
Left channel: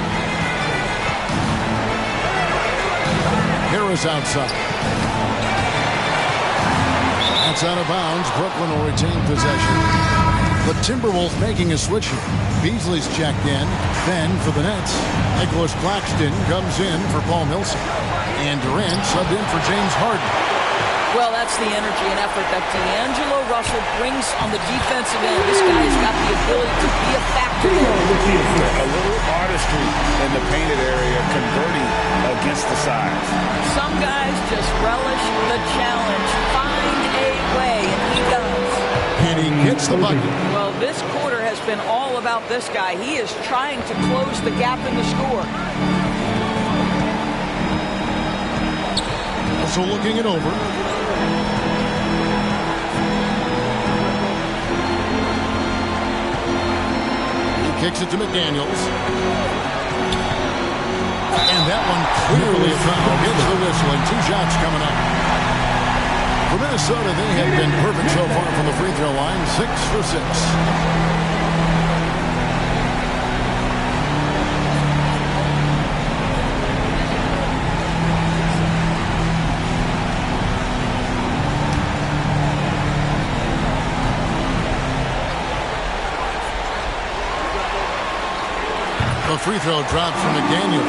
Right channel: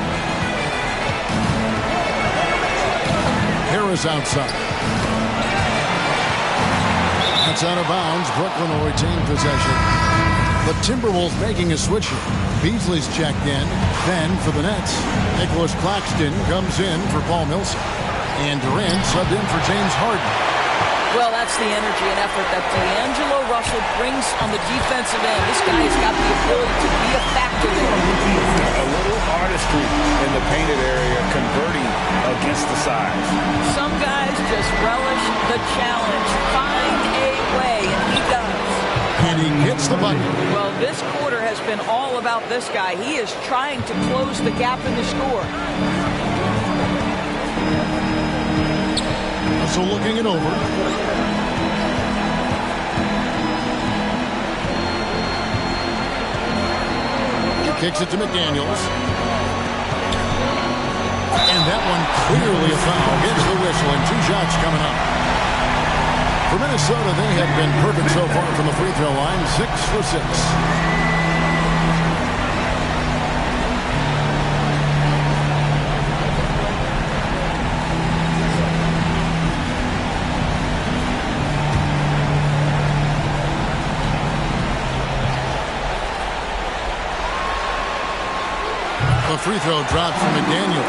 Harris outside. That's out of bounds. Brooklyn will retain possession. The Timberwolves making a switch here. Beasley's checked in. Then for the Nets, Nicholas Claxton comes in for Paul Millsap. And Durant subbed in for James Harden. Well, that's the energy and effort that D'Angelo Russell brings on the defensive end. This guy has got the ability to be a factor there. A little artistry in the painted area, converting against the size. Some guys just relish the challenge. Find a way, and he does. And he gets the bucket. Well, this quarter has been all about this guy. He is trying to close the gap in the score. So looking it over. He kicks it to McDaniels. And that one clearly a foul. Gets the whistle and 2 shots coming up. For Minnesota, they have been perfect so far from the free throw line. 6 for 6. The free throw drops from McDaniels.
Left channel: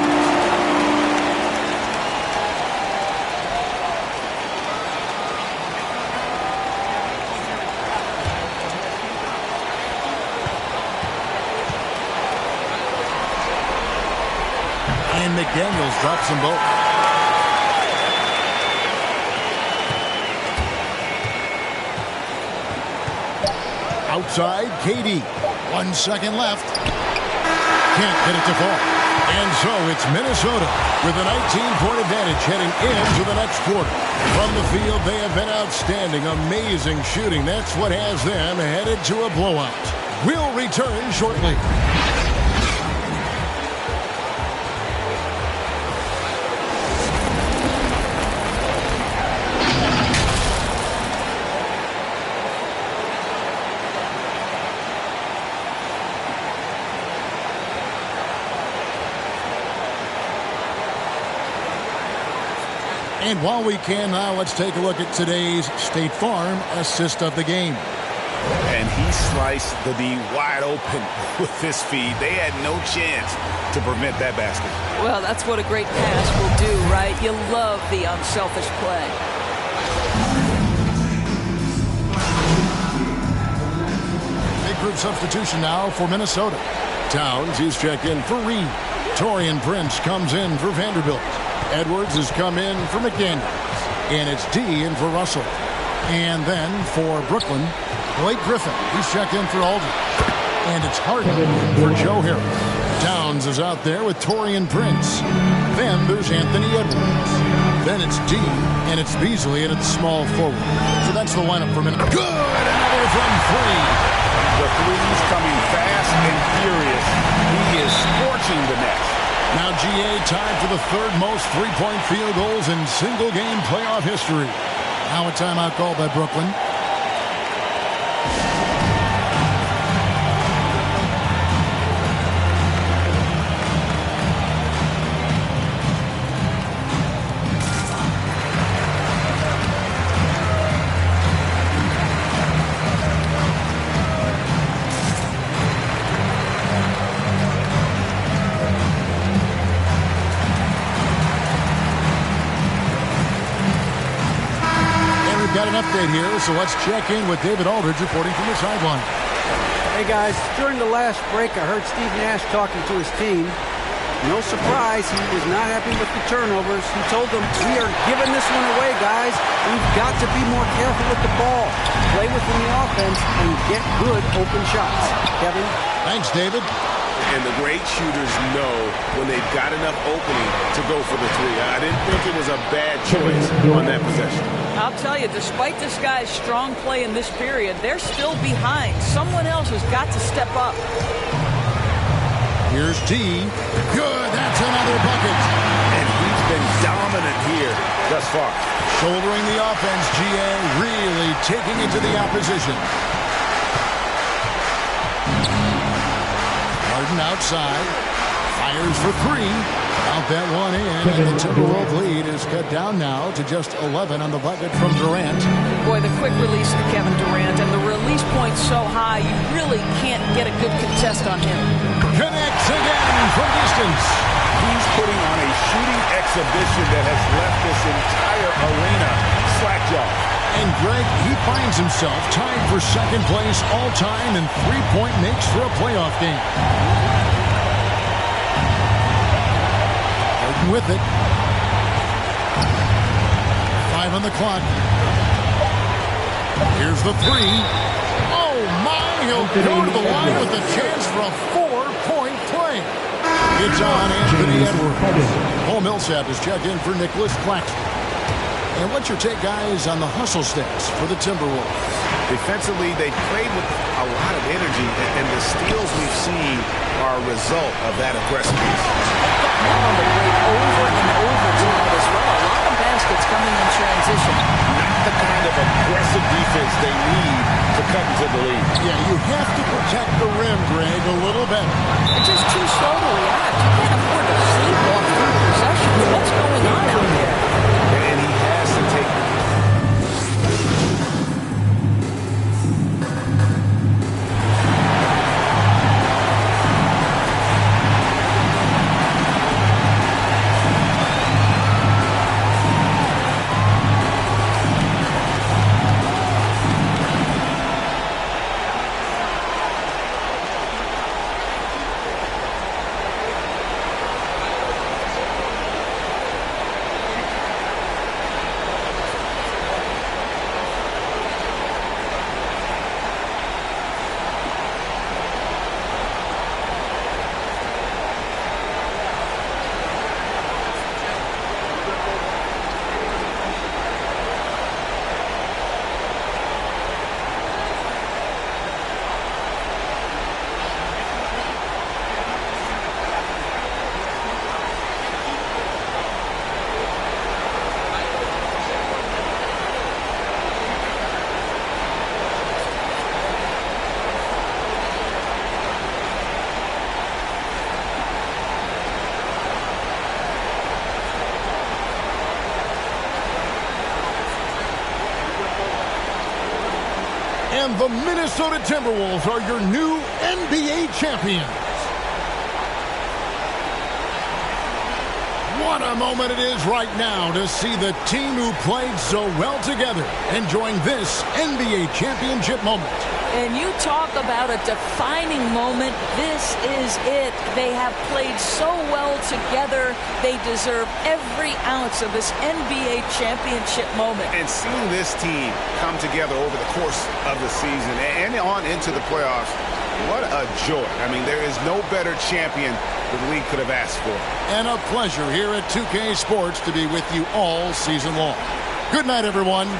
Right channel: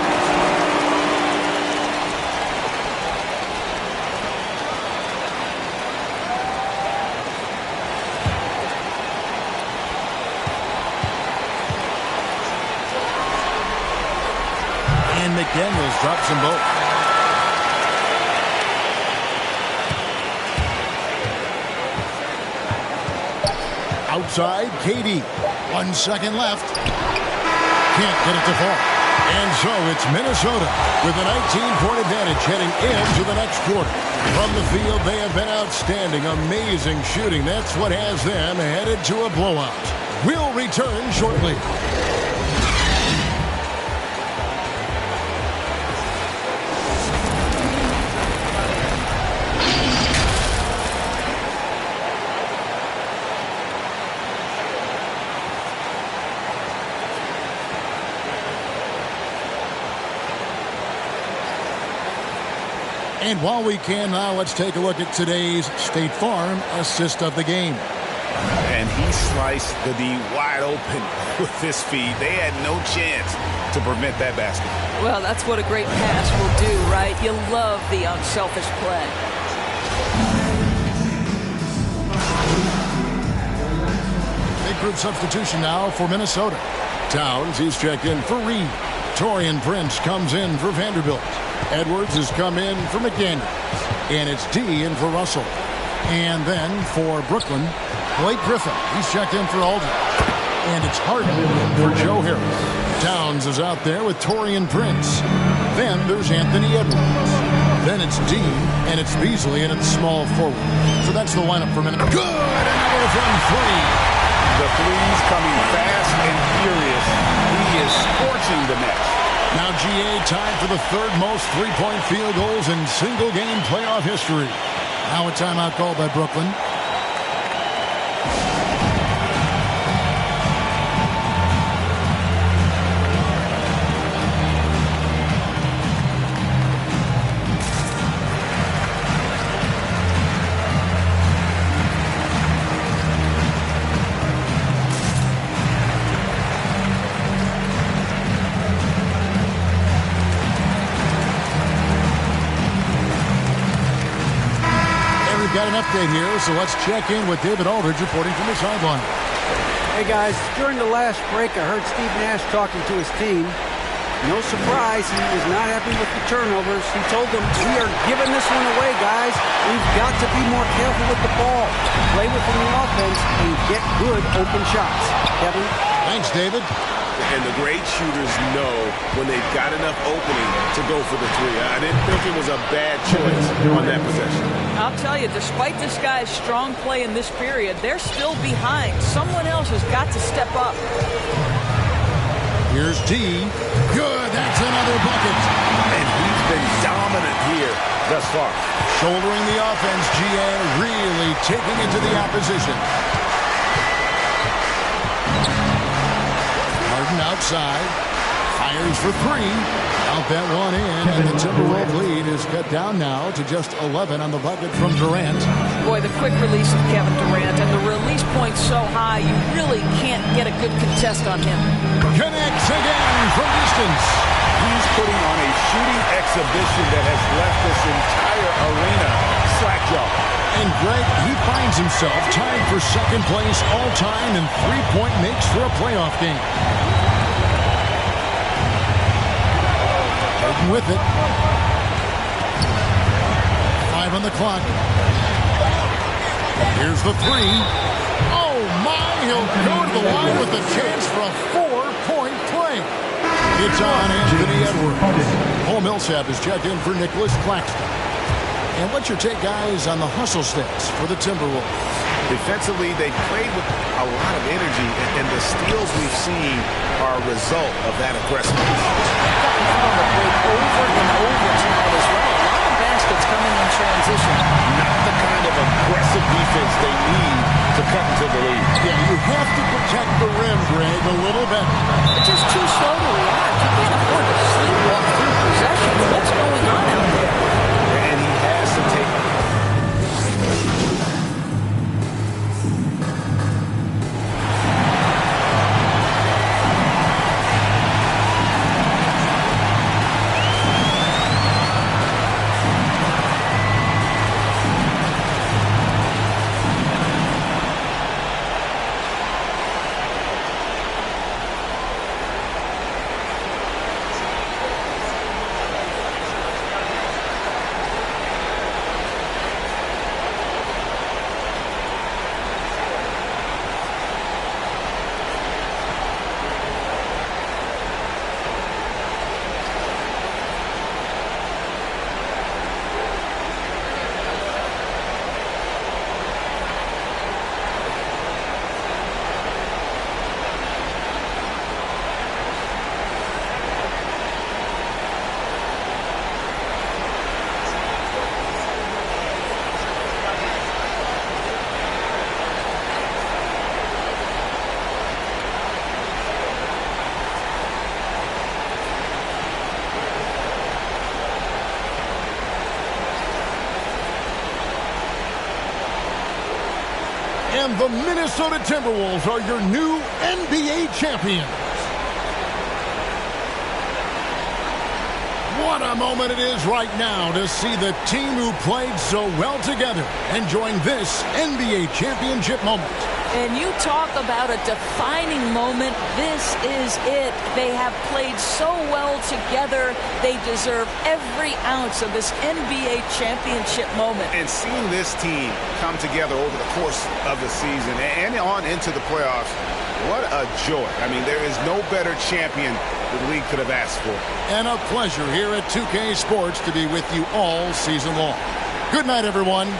And McDaniels drops them both. Outside, KD. 1 second left. Can't get it to fall. And so it's Minnesota with a 19-point advantage heading into the next quarter. From the field, they have been outstanding. Amazing shooting. That's what has them headed to a blowout. We'll return shortly. And while we can now, let's take a look at today's State Farm assist of the game. And he sliced the D wide open with this feed. They had no chance to prevent that basket. Well, that's what a great pass will do, right? You love the unselfish play. Big group substitution now for Minnesota. Towns, he's checked in for Reed. Taurean Prince comes in for Vanderbilt. Edwards has come in for McDaniels. And it's D in for Russell. And then for Brooklyn, Blake Griffin. He's checked in for Aldridge. And it's Harden in for Joe Harris. Towns is out there with Taurean Prince. Then there's Anthony Edwards. Then it's D, and it's Beasley, and it's small forward. So that's the lineup for Minnesota. Good! Another from three. The threes coming fast and furious. He is scorching the nets. Now GA tied for the third most three-point field goals in single-game playoff history. Now a timeout called by Brooklyn. Got an update here, so let's check in with David Aldridge reporting from the sideline. Hey guys, during the last break I heard Steve Nash talking to his team. No surprise, he was not happy with the turnovers. He told them, we are giving this one away, guys. We've got to be more careful with the ball, play within the offense, and get good open shots. Kevin? Thanks, David. And the great shooters know when they've got enough opening to go for the three. I didn't think it was a bad choice on that possession. I'll tell you, despite this guy's strong play in this period, they're still behind. Someone else has got to step up. Here's D. Good. That's another bucket. And he's been dominant here thus far. Shouldering the offense, GA really taking it to the opposition. Harden outside. Fires for three. Out that one in, and the Timberwolves lead is cut down now to just 11 on the bucket from Durant. Boy, the quick release of Kevin Durant, and the release point so high, you really can't get a good contest on him. Connects again from distance. He's putting on a shooting exhibition that has left this entire arena slack-jawed. And Greg, he finds himself tied for second place all-time in three-point makes for a playoff game. Harden with it. 5 on the clock. Here's the three. Oh, my! He'll go to the line with a chance for a 4-point play. It's on Anthony Edwards. Paul Millsap is checked in for Nicholas Claxton. And what's your take, guys, on the hustle stats for the Timberwolves? Defensively, they played with a lot of energy, and the steals we've seen are a result of that aggressiveness. They've gotten out on the break over and over tonight as well. A lot of baskets coming in transition. Not the kind of aggressive defense they need to cut into the lead. Yeah, you have to protect the rim, Greg, a little better. They're just too slow to react. You can't afford to sleepwalk through possessions. What's going on out there? And he has to take... And the Minnesota Timberwolves are your new NBA champions. What a moment it is right now to see the team who played so well together enjoying this NBA championship moment. And you talk about a defining moment. This is it. They have played so well together. They deserve every ounce of this NBA championship moment. And seeing this team come together over the course of the season and on into the playoffs, what a joy. I mean, there is no better champion the league could have asked for. And a pleasure here at 2K Sports to be with you all season long. Good night, everyone.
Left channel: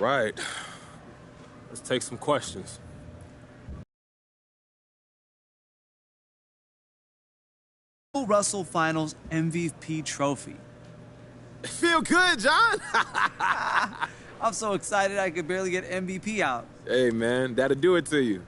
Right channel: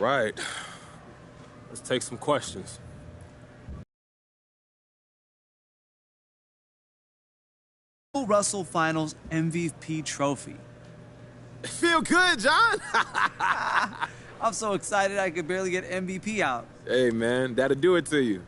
Right. Let's take some questions. Russell Finals MVP trophy. Feel good, John? I'm so excited I could barely get MVP out. Hey, man, that'll do it to you.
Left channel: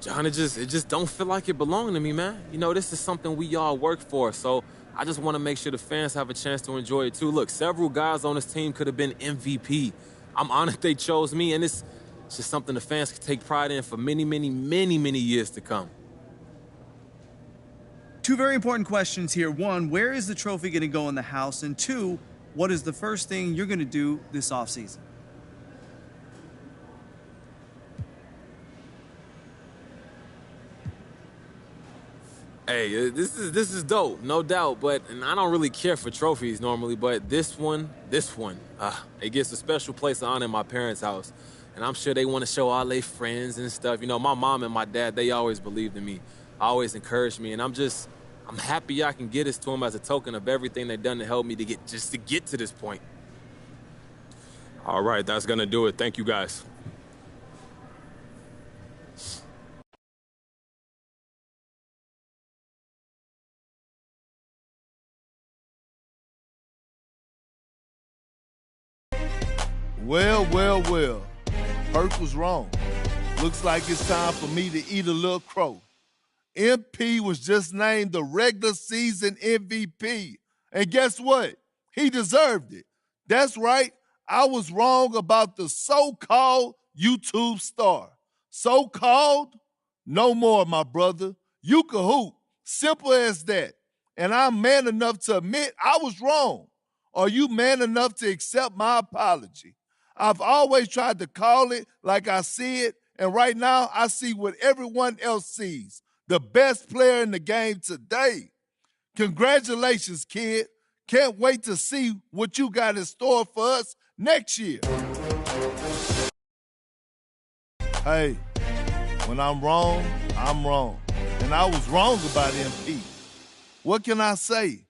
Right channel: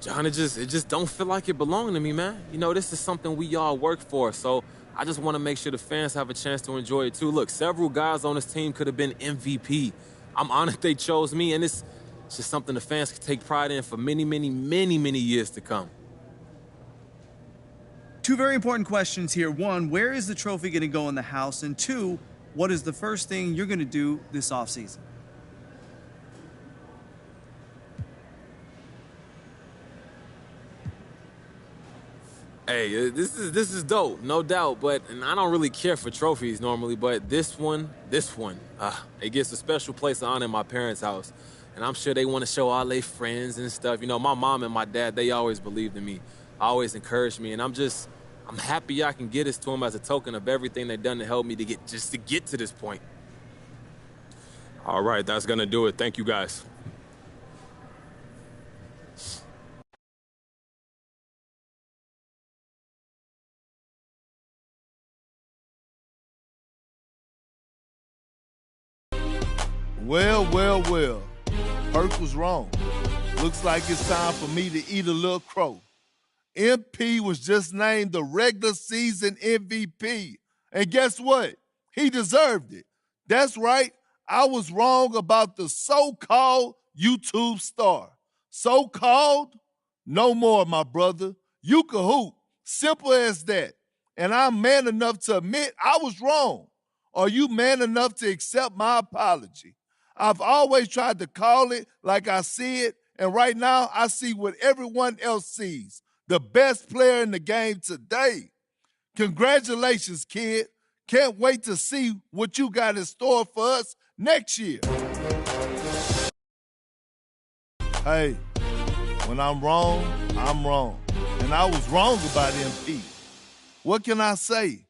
John, it just don't feel like it belonged to me, man. You know, this is something we all work for, so I just want to make sure the fans have a chance to enjoy it too. Look, several guys on this team could have been MVP. I'm honored they chose me, and it's just something the fans can take pride in for many, many, many, many years to come. Two very important questions here. One, where is the trophy going to go in the house? And two, what is the first thing you're going to do this offseason? Hey, this is dope, no doubt. And I don't really care for trophies normally, but this one, it gets a special place of honor in my parents' house. And I'm sure they want to show all their friends and stuff. You know, my mom and my dad, they always believed in me, always encouraged me. And I'm happy I can get this to them as a token of everything they've done to help me to get to this point. All right, that's going to do it. Thank you, guys. Well, well, well. Perk was wrong. Looks like it's time for me to eat a little crow. MP was just named the regular season MVP. And guess what? He deserved it. That's right. I was wrong about the so-called YouTube star. So-called? No more, my brother. You can hoop. Simple as that. And I'm man enough to admit I was wrong. Are you man enough to accept my apology? I've always tried to call it like I see it And right now, I see what everyone else sees, the best player in the game today. Congratulations, kid. Can't wait to see what you got in store for us next year. Hey, when I'm wrong, I'm wrong. And I was wrong about MP. What can I say?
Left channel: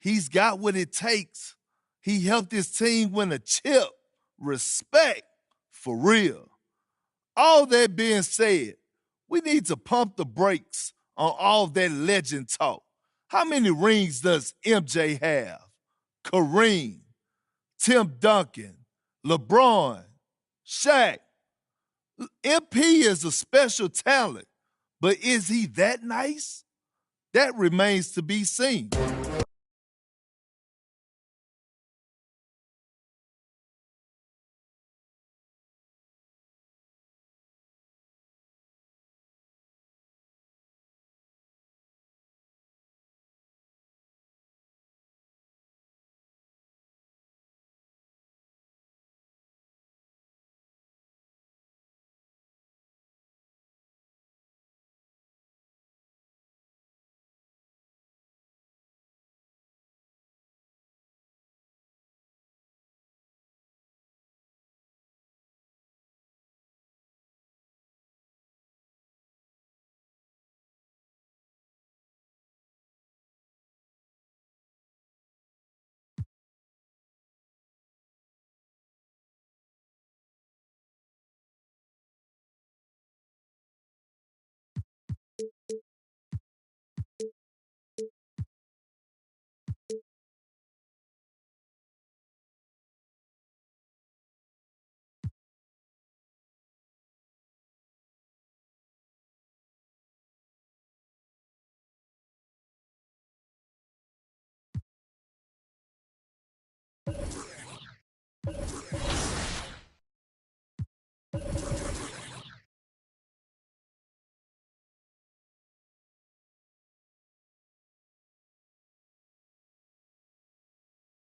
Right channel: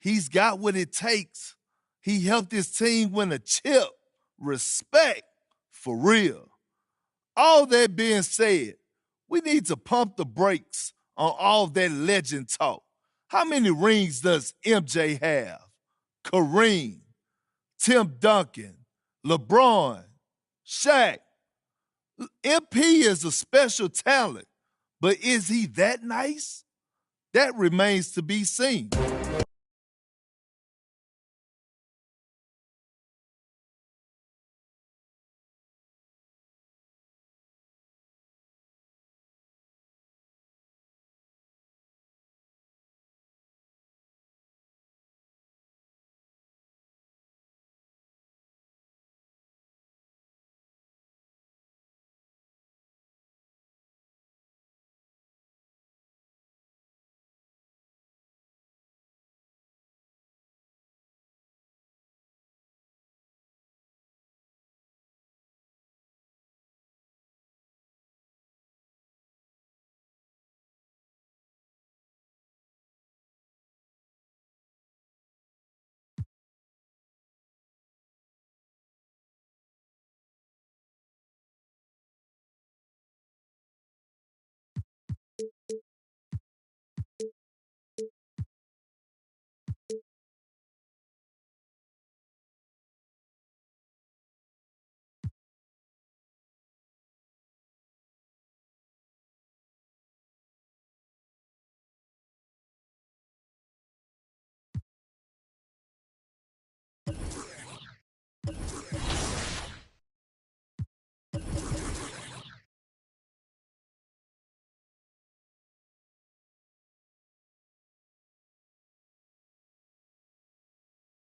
He's got what it takes. He helped his team win a chip. Respect, for real. All that being said, we need to pump the brakes on all that legend talk. How many rings does MJ have? Kareem, Tim Duncan, LeBron, Shaq. MP is a special talent, but is he that nice? That remains to be seen.